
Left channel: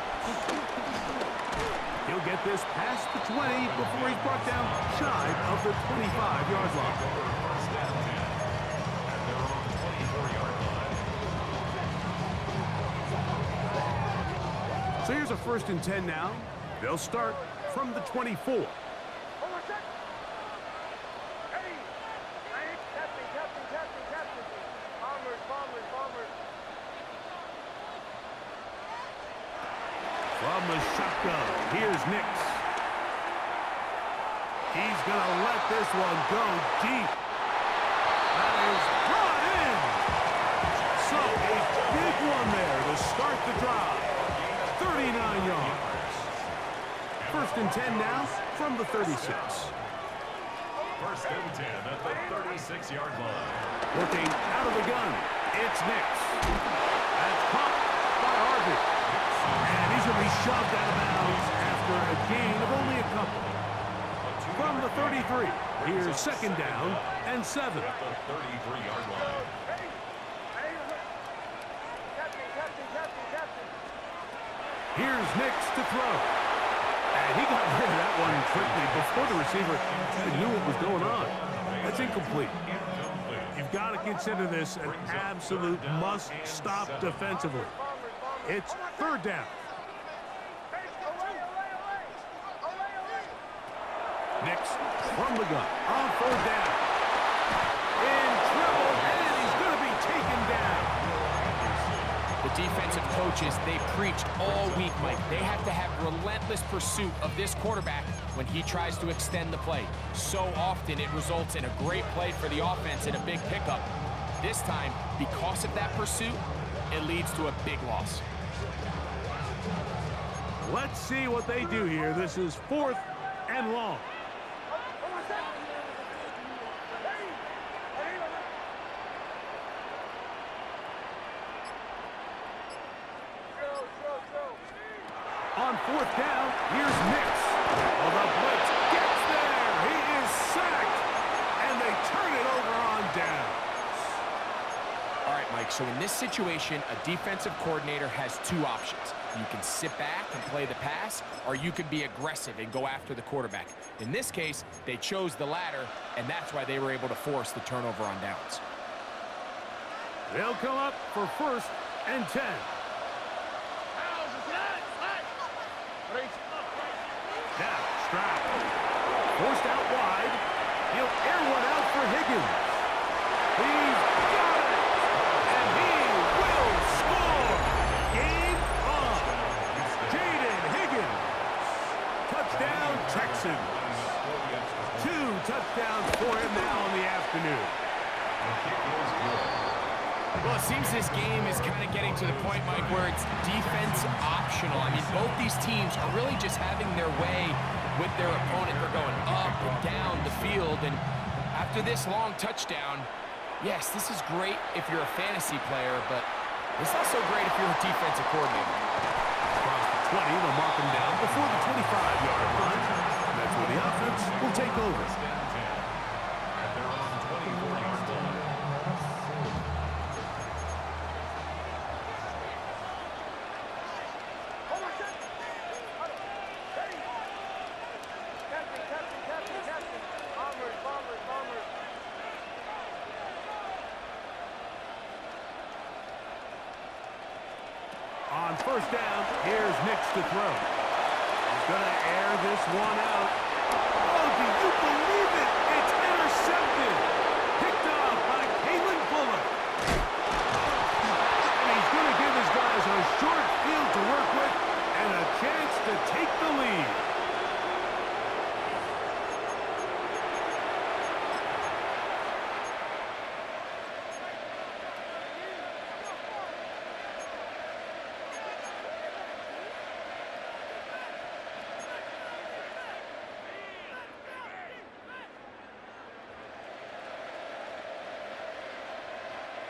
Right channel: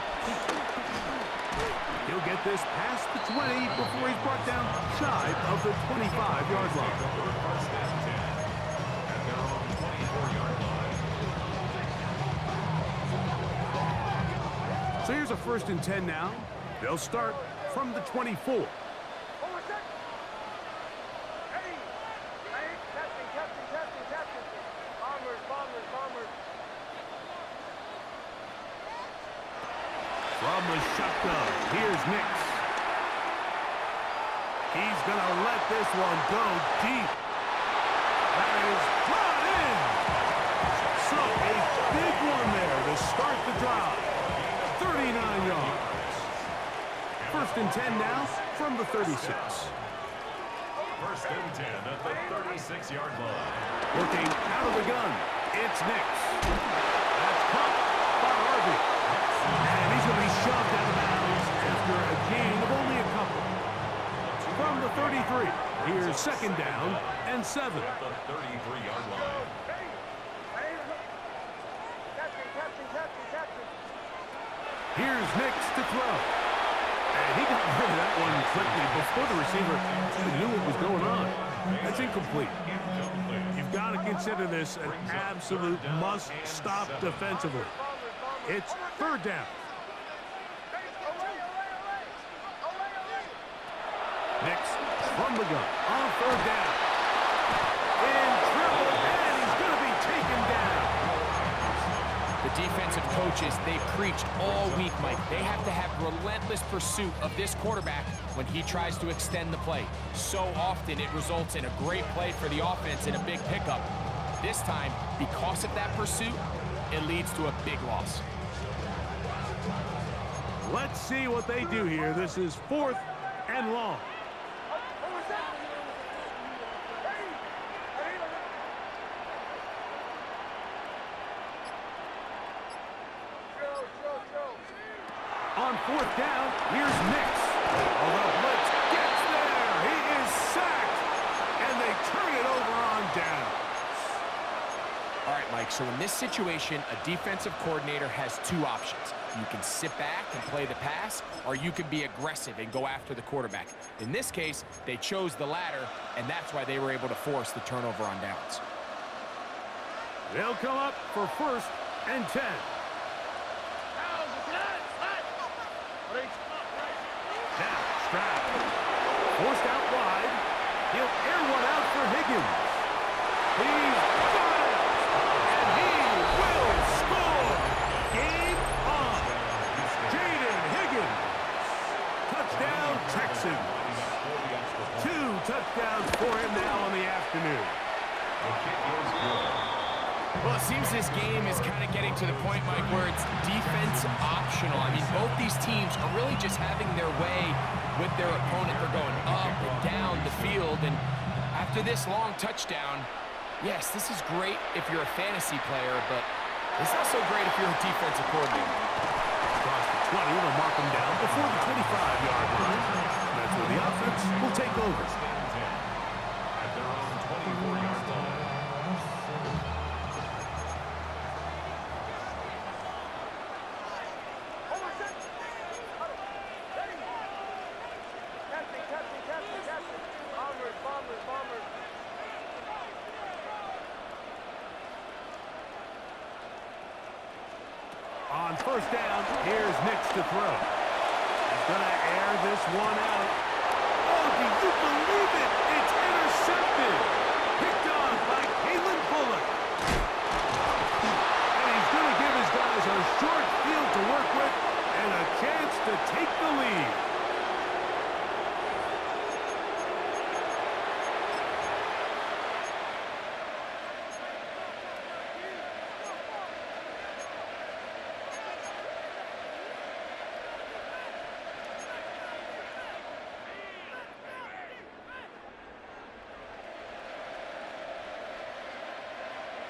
He'll get this past the 20 before he's brought down shy of the 25-yard line. First and 10 at their own 24-yard line. So here's a 1st and 10 now. They'll start from the 24. Hold on a sec. Hey, captain. Bombers. From the shotgun, here's Nix. He's going to let this one go deep. That is brought in. So a big one there to start the drive. 39 yards. 1st and 10 now from the 36. 1st and 10 at the 36-yard line. Working out of the gun, it's Nix. That's caught by Harvey. And he's going to be shoved out of bounds after a gain of only a couple. From the 33, here's 2nd down and 7. At the 33-yard line. Captain. Here's Nix to throw. And he got rid of that one quickly before the receiver even knew what was going on. That's incomplete. You've got to consider this an absolute must-stop defensively. It's 3rd down. Nix from the gun on 3rd down. In trouble, and he's going to be taken down. The defensive coaches, they preached all week, Mike. They have to have relentless pursuit of this quarterback when he tries to extend the play. So often it results in a great play for the offense and a big pickup. This time, because of that pursuit, it leads to a big loss. Let's see what they do here. This is 4th and long. On 4th down, here's Nix. Oh, the blitz gets there. He is sacked, and they turn it over on down. All right, Mike, so in this situation, a defensive coordinator has 2 options. You can sit back and play the pass, or you can be aggressive and go after the quarterback. In this case, they chose the latter, and that's why they were able to force the turnover on downs. They'll come up for 1st and 10. Now, Stroud. Forced out wide. He'll air one out for Higgins. He's got it! And he will score! Game on! Jaden Higgins. Touchdown, Texans. 2 touchdowns for him now in the afternoon. The kick is good. Well, it seems this game is kind of getting to the point, Mike, where it's defense optional. I mean, both these teams are really just having their way with their opponent. They're going up and down the field, and after this long touchdown, yes, this is great if you're a fantasy player, but it's not so great if you're a defensive coordinator. Across the 20, they'll mark him down before the 25-yard line. That's where the offense will take over. 1st and 10 at their own 24-yard line. Captain. Bombers. On 1st down, here's Nix to throw. He's gonna air this one out. Oh, do you believe it? It's intercepted. Picked off by Kalen Bullock. And he's gonna give his guys a short field to work with and a chance to take the lead.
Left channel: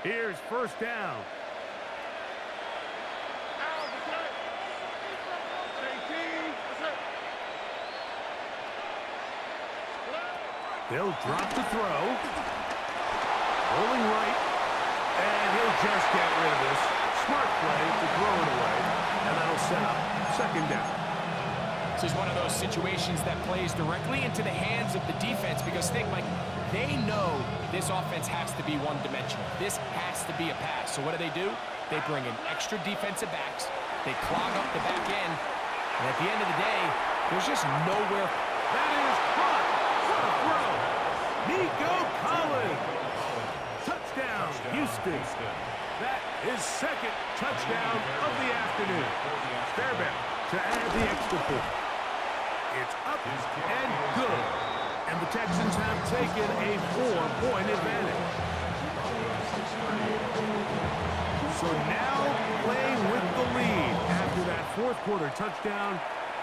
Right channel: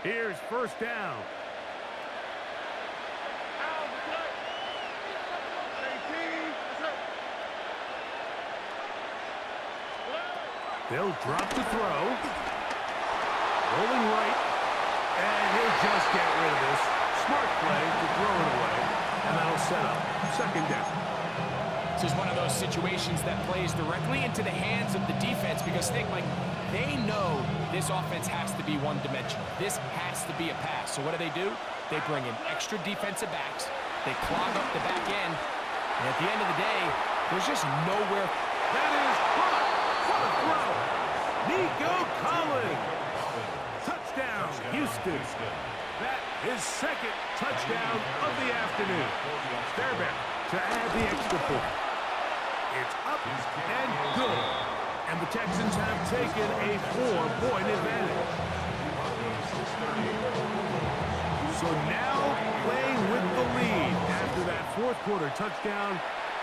Here's first down. They'll drop to throw. Rolling right. And he'll just get rid of this. Smart play to throw it away. And that'll set up second down. This is one of those situations that plays directly into the hands of the defense because they know this offense has to be one-dimensional. This has to be a pass. So what do? They bring in extra defensive backs. They clog up the back end. And at the end of the day, there's just nowhere. That is caught. What a throw. Nico Collins. Touchdown, Houston. That is second touchdown of the afternoon. Fairbairn to add the extra point. It's up and good. And the Texans have taken a 4-point advantage. So now playing with the lead after that fourth quarter touchdown.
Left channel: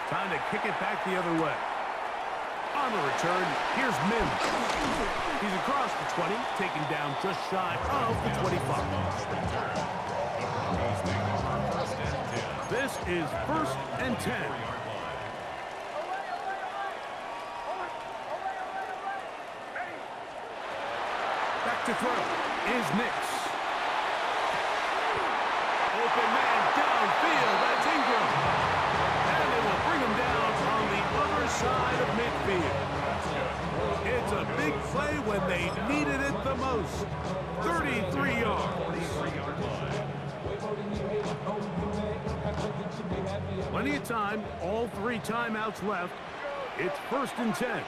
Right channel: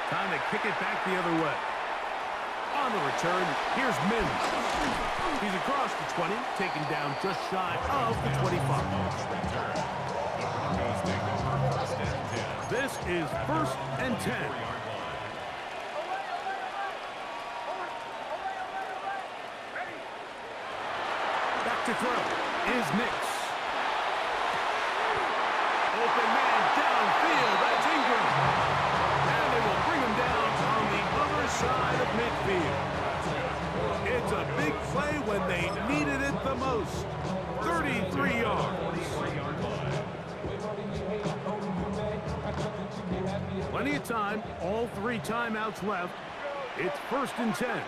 Time to kick it back the other way. On the return, here's Mims. He's across the 20, taken down just shy of the 25. This is first and 10. Back to throw is Nix. Open man downfield. That's Ingram. And they will bring him down on the other side of midfield. It's a big play when they needed it the most. 33 yards. Plenty of time. All 3 timeouts left. It's first and 10.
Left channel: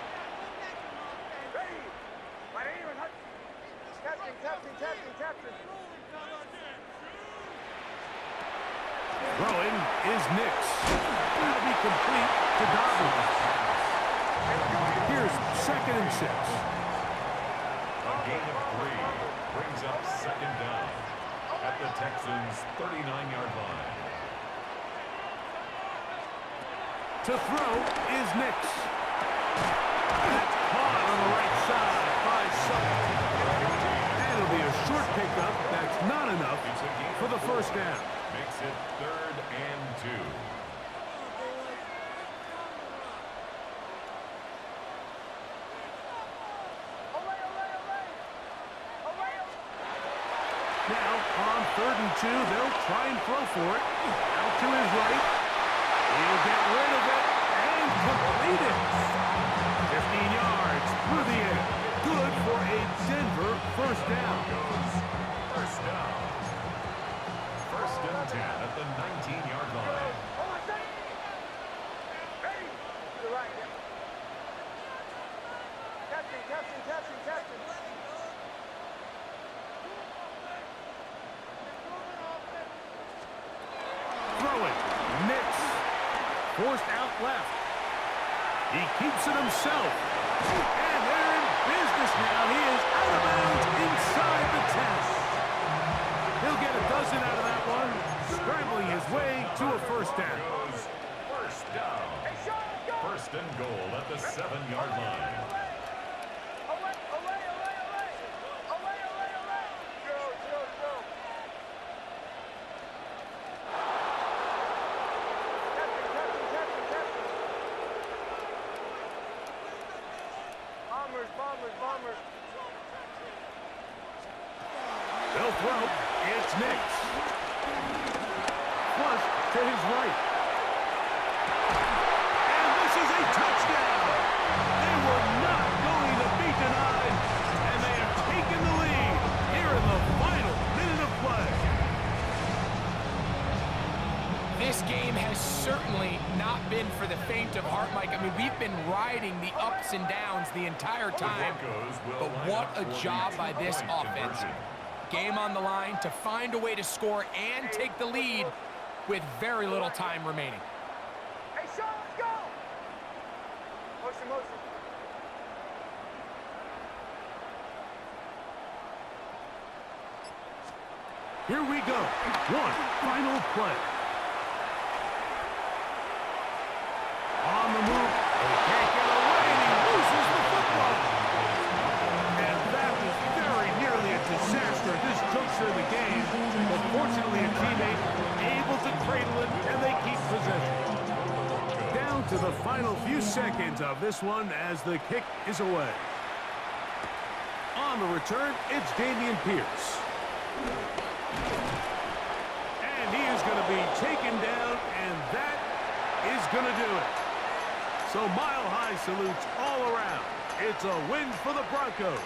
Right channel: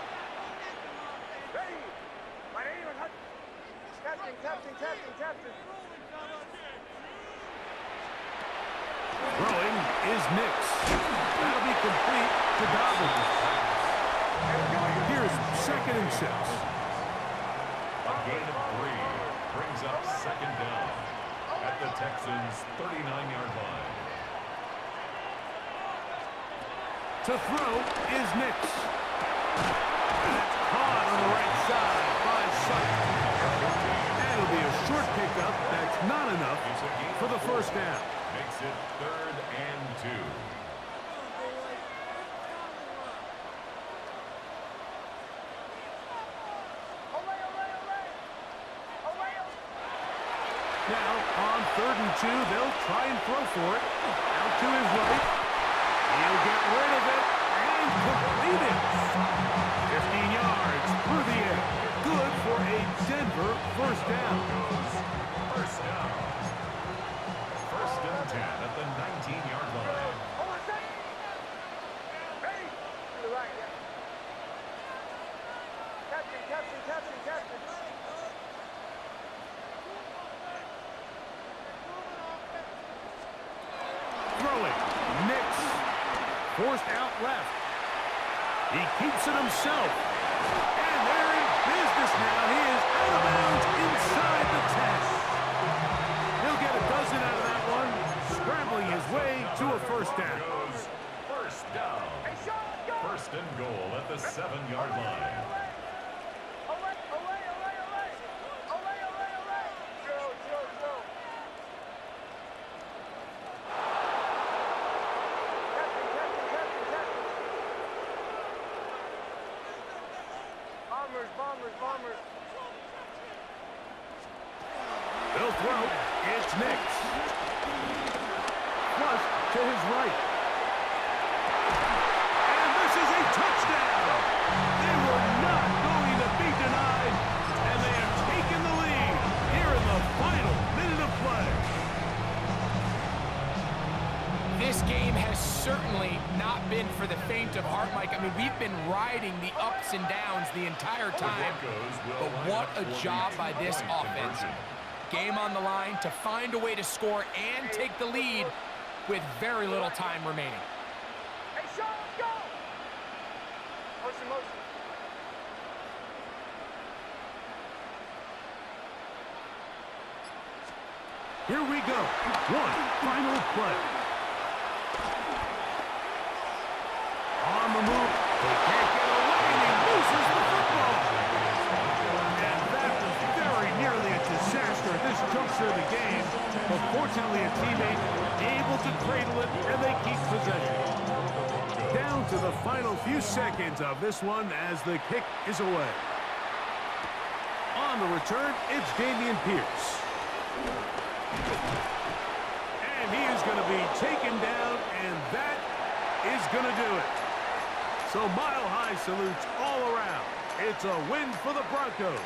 Captain. Throwing is Nix. That'll be complete to Dobbins. Here's second and 6. A gain of 3 brings up second down at the Texans' 39-yard line. To throw is Nix. That's caught on the right side by Sutton. And it'll be a short pickup. That's not enough for the first down. Makes it 3rd and 2. Now, on 3rd and 2, they'll try and throw for it. Out to his right. He'll get rid of it and complete it. 15 yards through the air. Good for a Denver first down. First down. First and 10 at the 19-yard line. Ready? To the right, yeah. Captain. Throwing. Nix. Forced out left. He keeps it himself. And they're in business now. He is out of bounds inside the 10. He'll get a dozen out of that one. Scrambling his way to a first down. First down. First and goal at the 7-yard line. Bombers. They'll throw. It's Nix. Flush to his right. And this is a touchdown. They were not going to be denied, and they have taken the lead here in the final minute of play. This game has certainly not been for the faint of heart, Mike. I mean, we've been riding the ups and downs the entire time, but what a job by this offense. Game on the line to find a way to score and take the lead with very little time remaining. Hey, Sean, let's go! Motion, motion. Here we go. One final play. On the move. They can't get away, and he loses the football. And that was very nearly a disaster at this juncture of the game. But fortunately, a teammate able to cradle it, and they keep possession. Down to the final few seconds of this one as the kick is away. On the return, it's Dameon Pierce. And he is going to be taken down, and that is going to do it. So mile-high salutes all around. It's a win for the Broncos.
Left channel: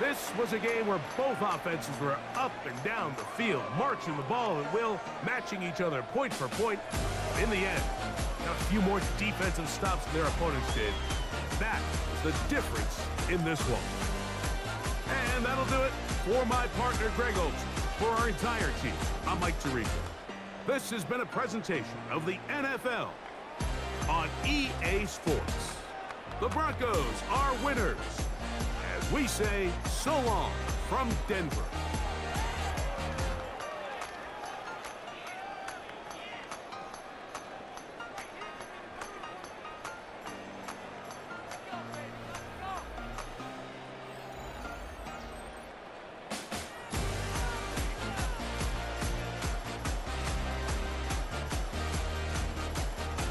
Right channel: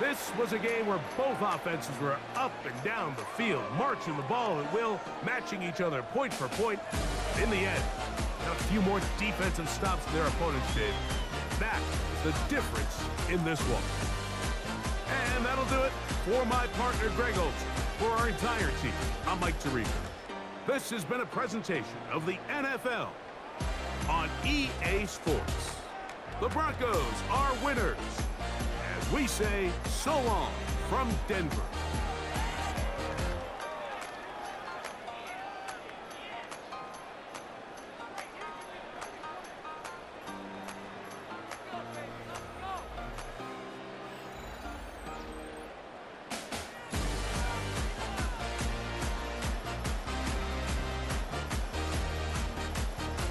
This was a game where both offenses were up and down the field, marching the ball at will, matching each other point for point. In the end, got a few more defensive stops than their opponents did. That is the difference in this one. And that'll do it for my partner, Greg Olson. For our entire team, I'm Mike Tirico. This has been a presentation of the NFL on EA Sports. The Broncos are winners. As we say, so long from Denver.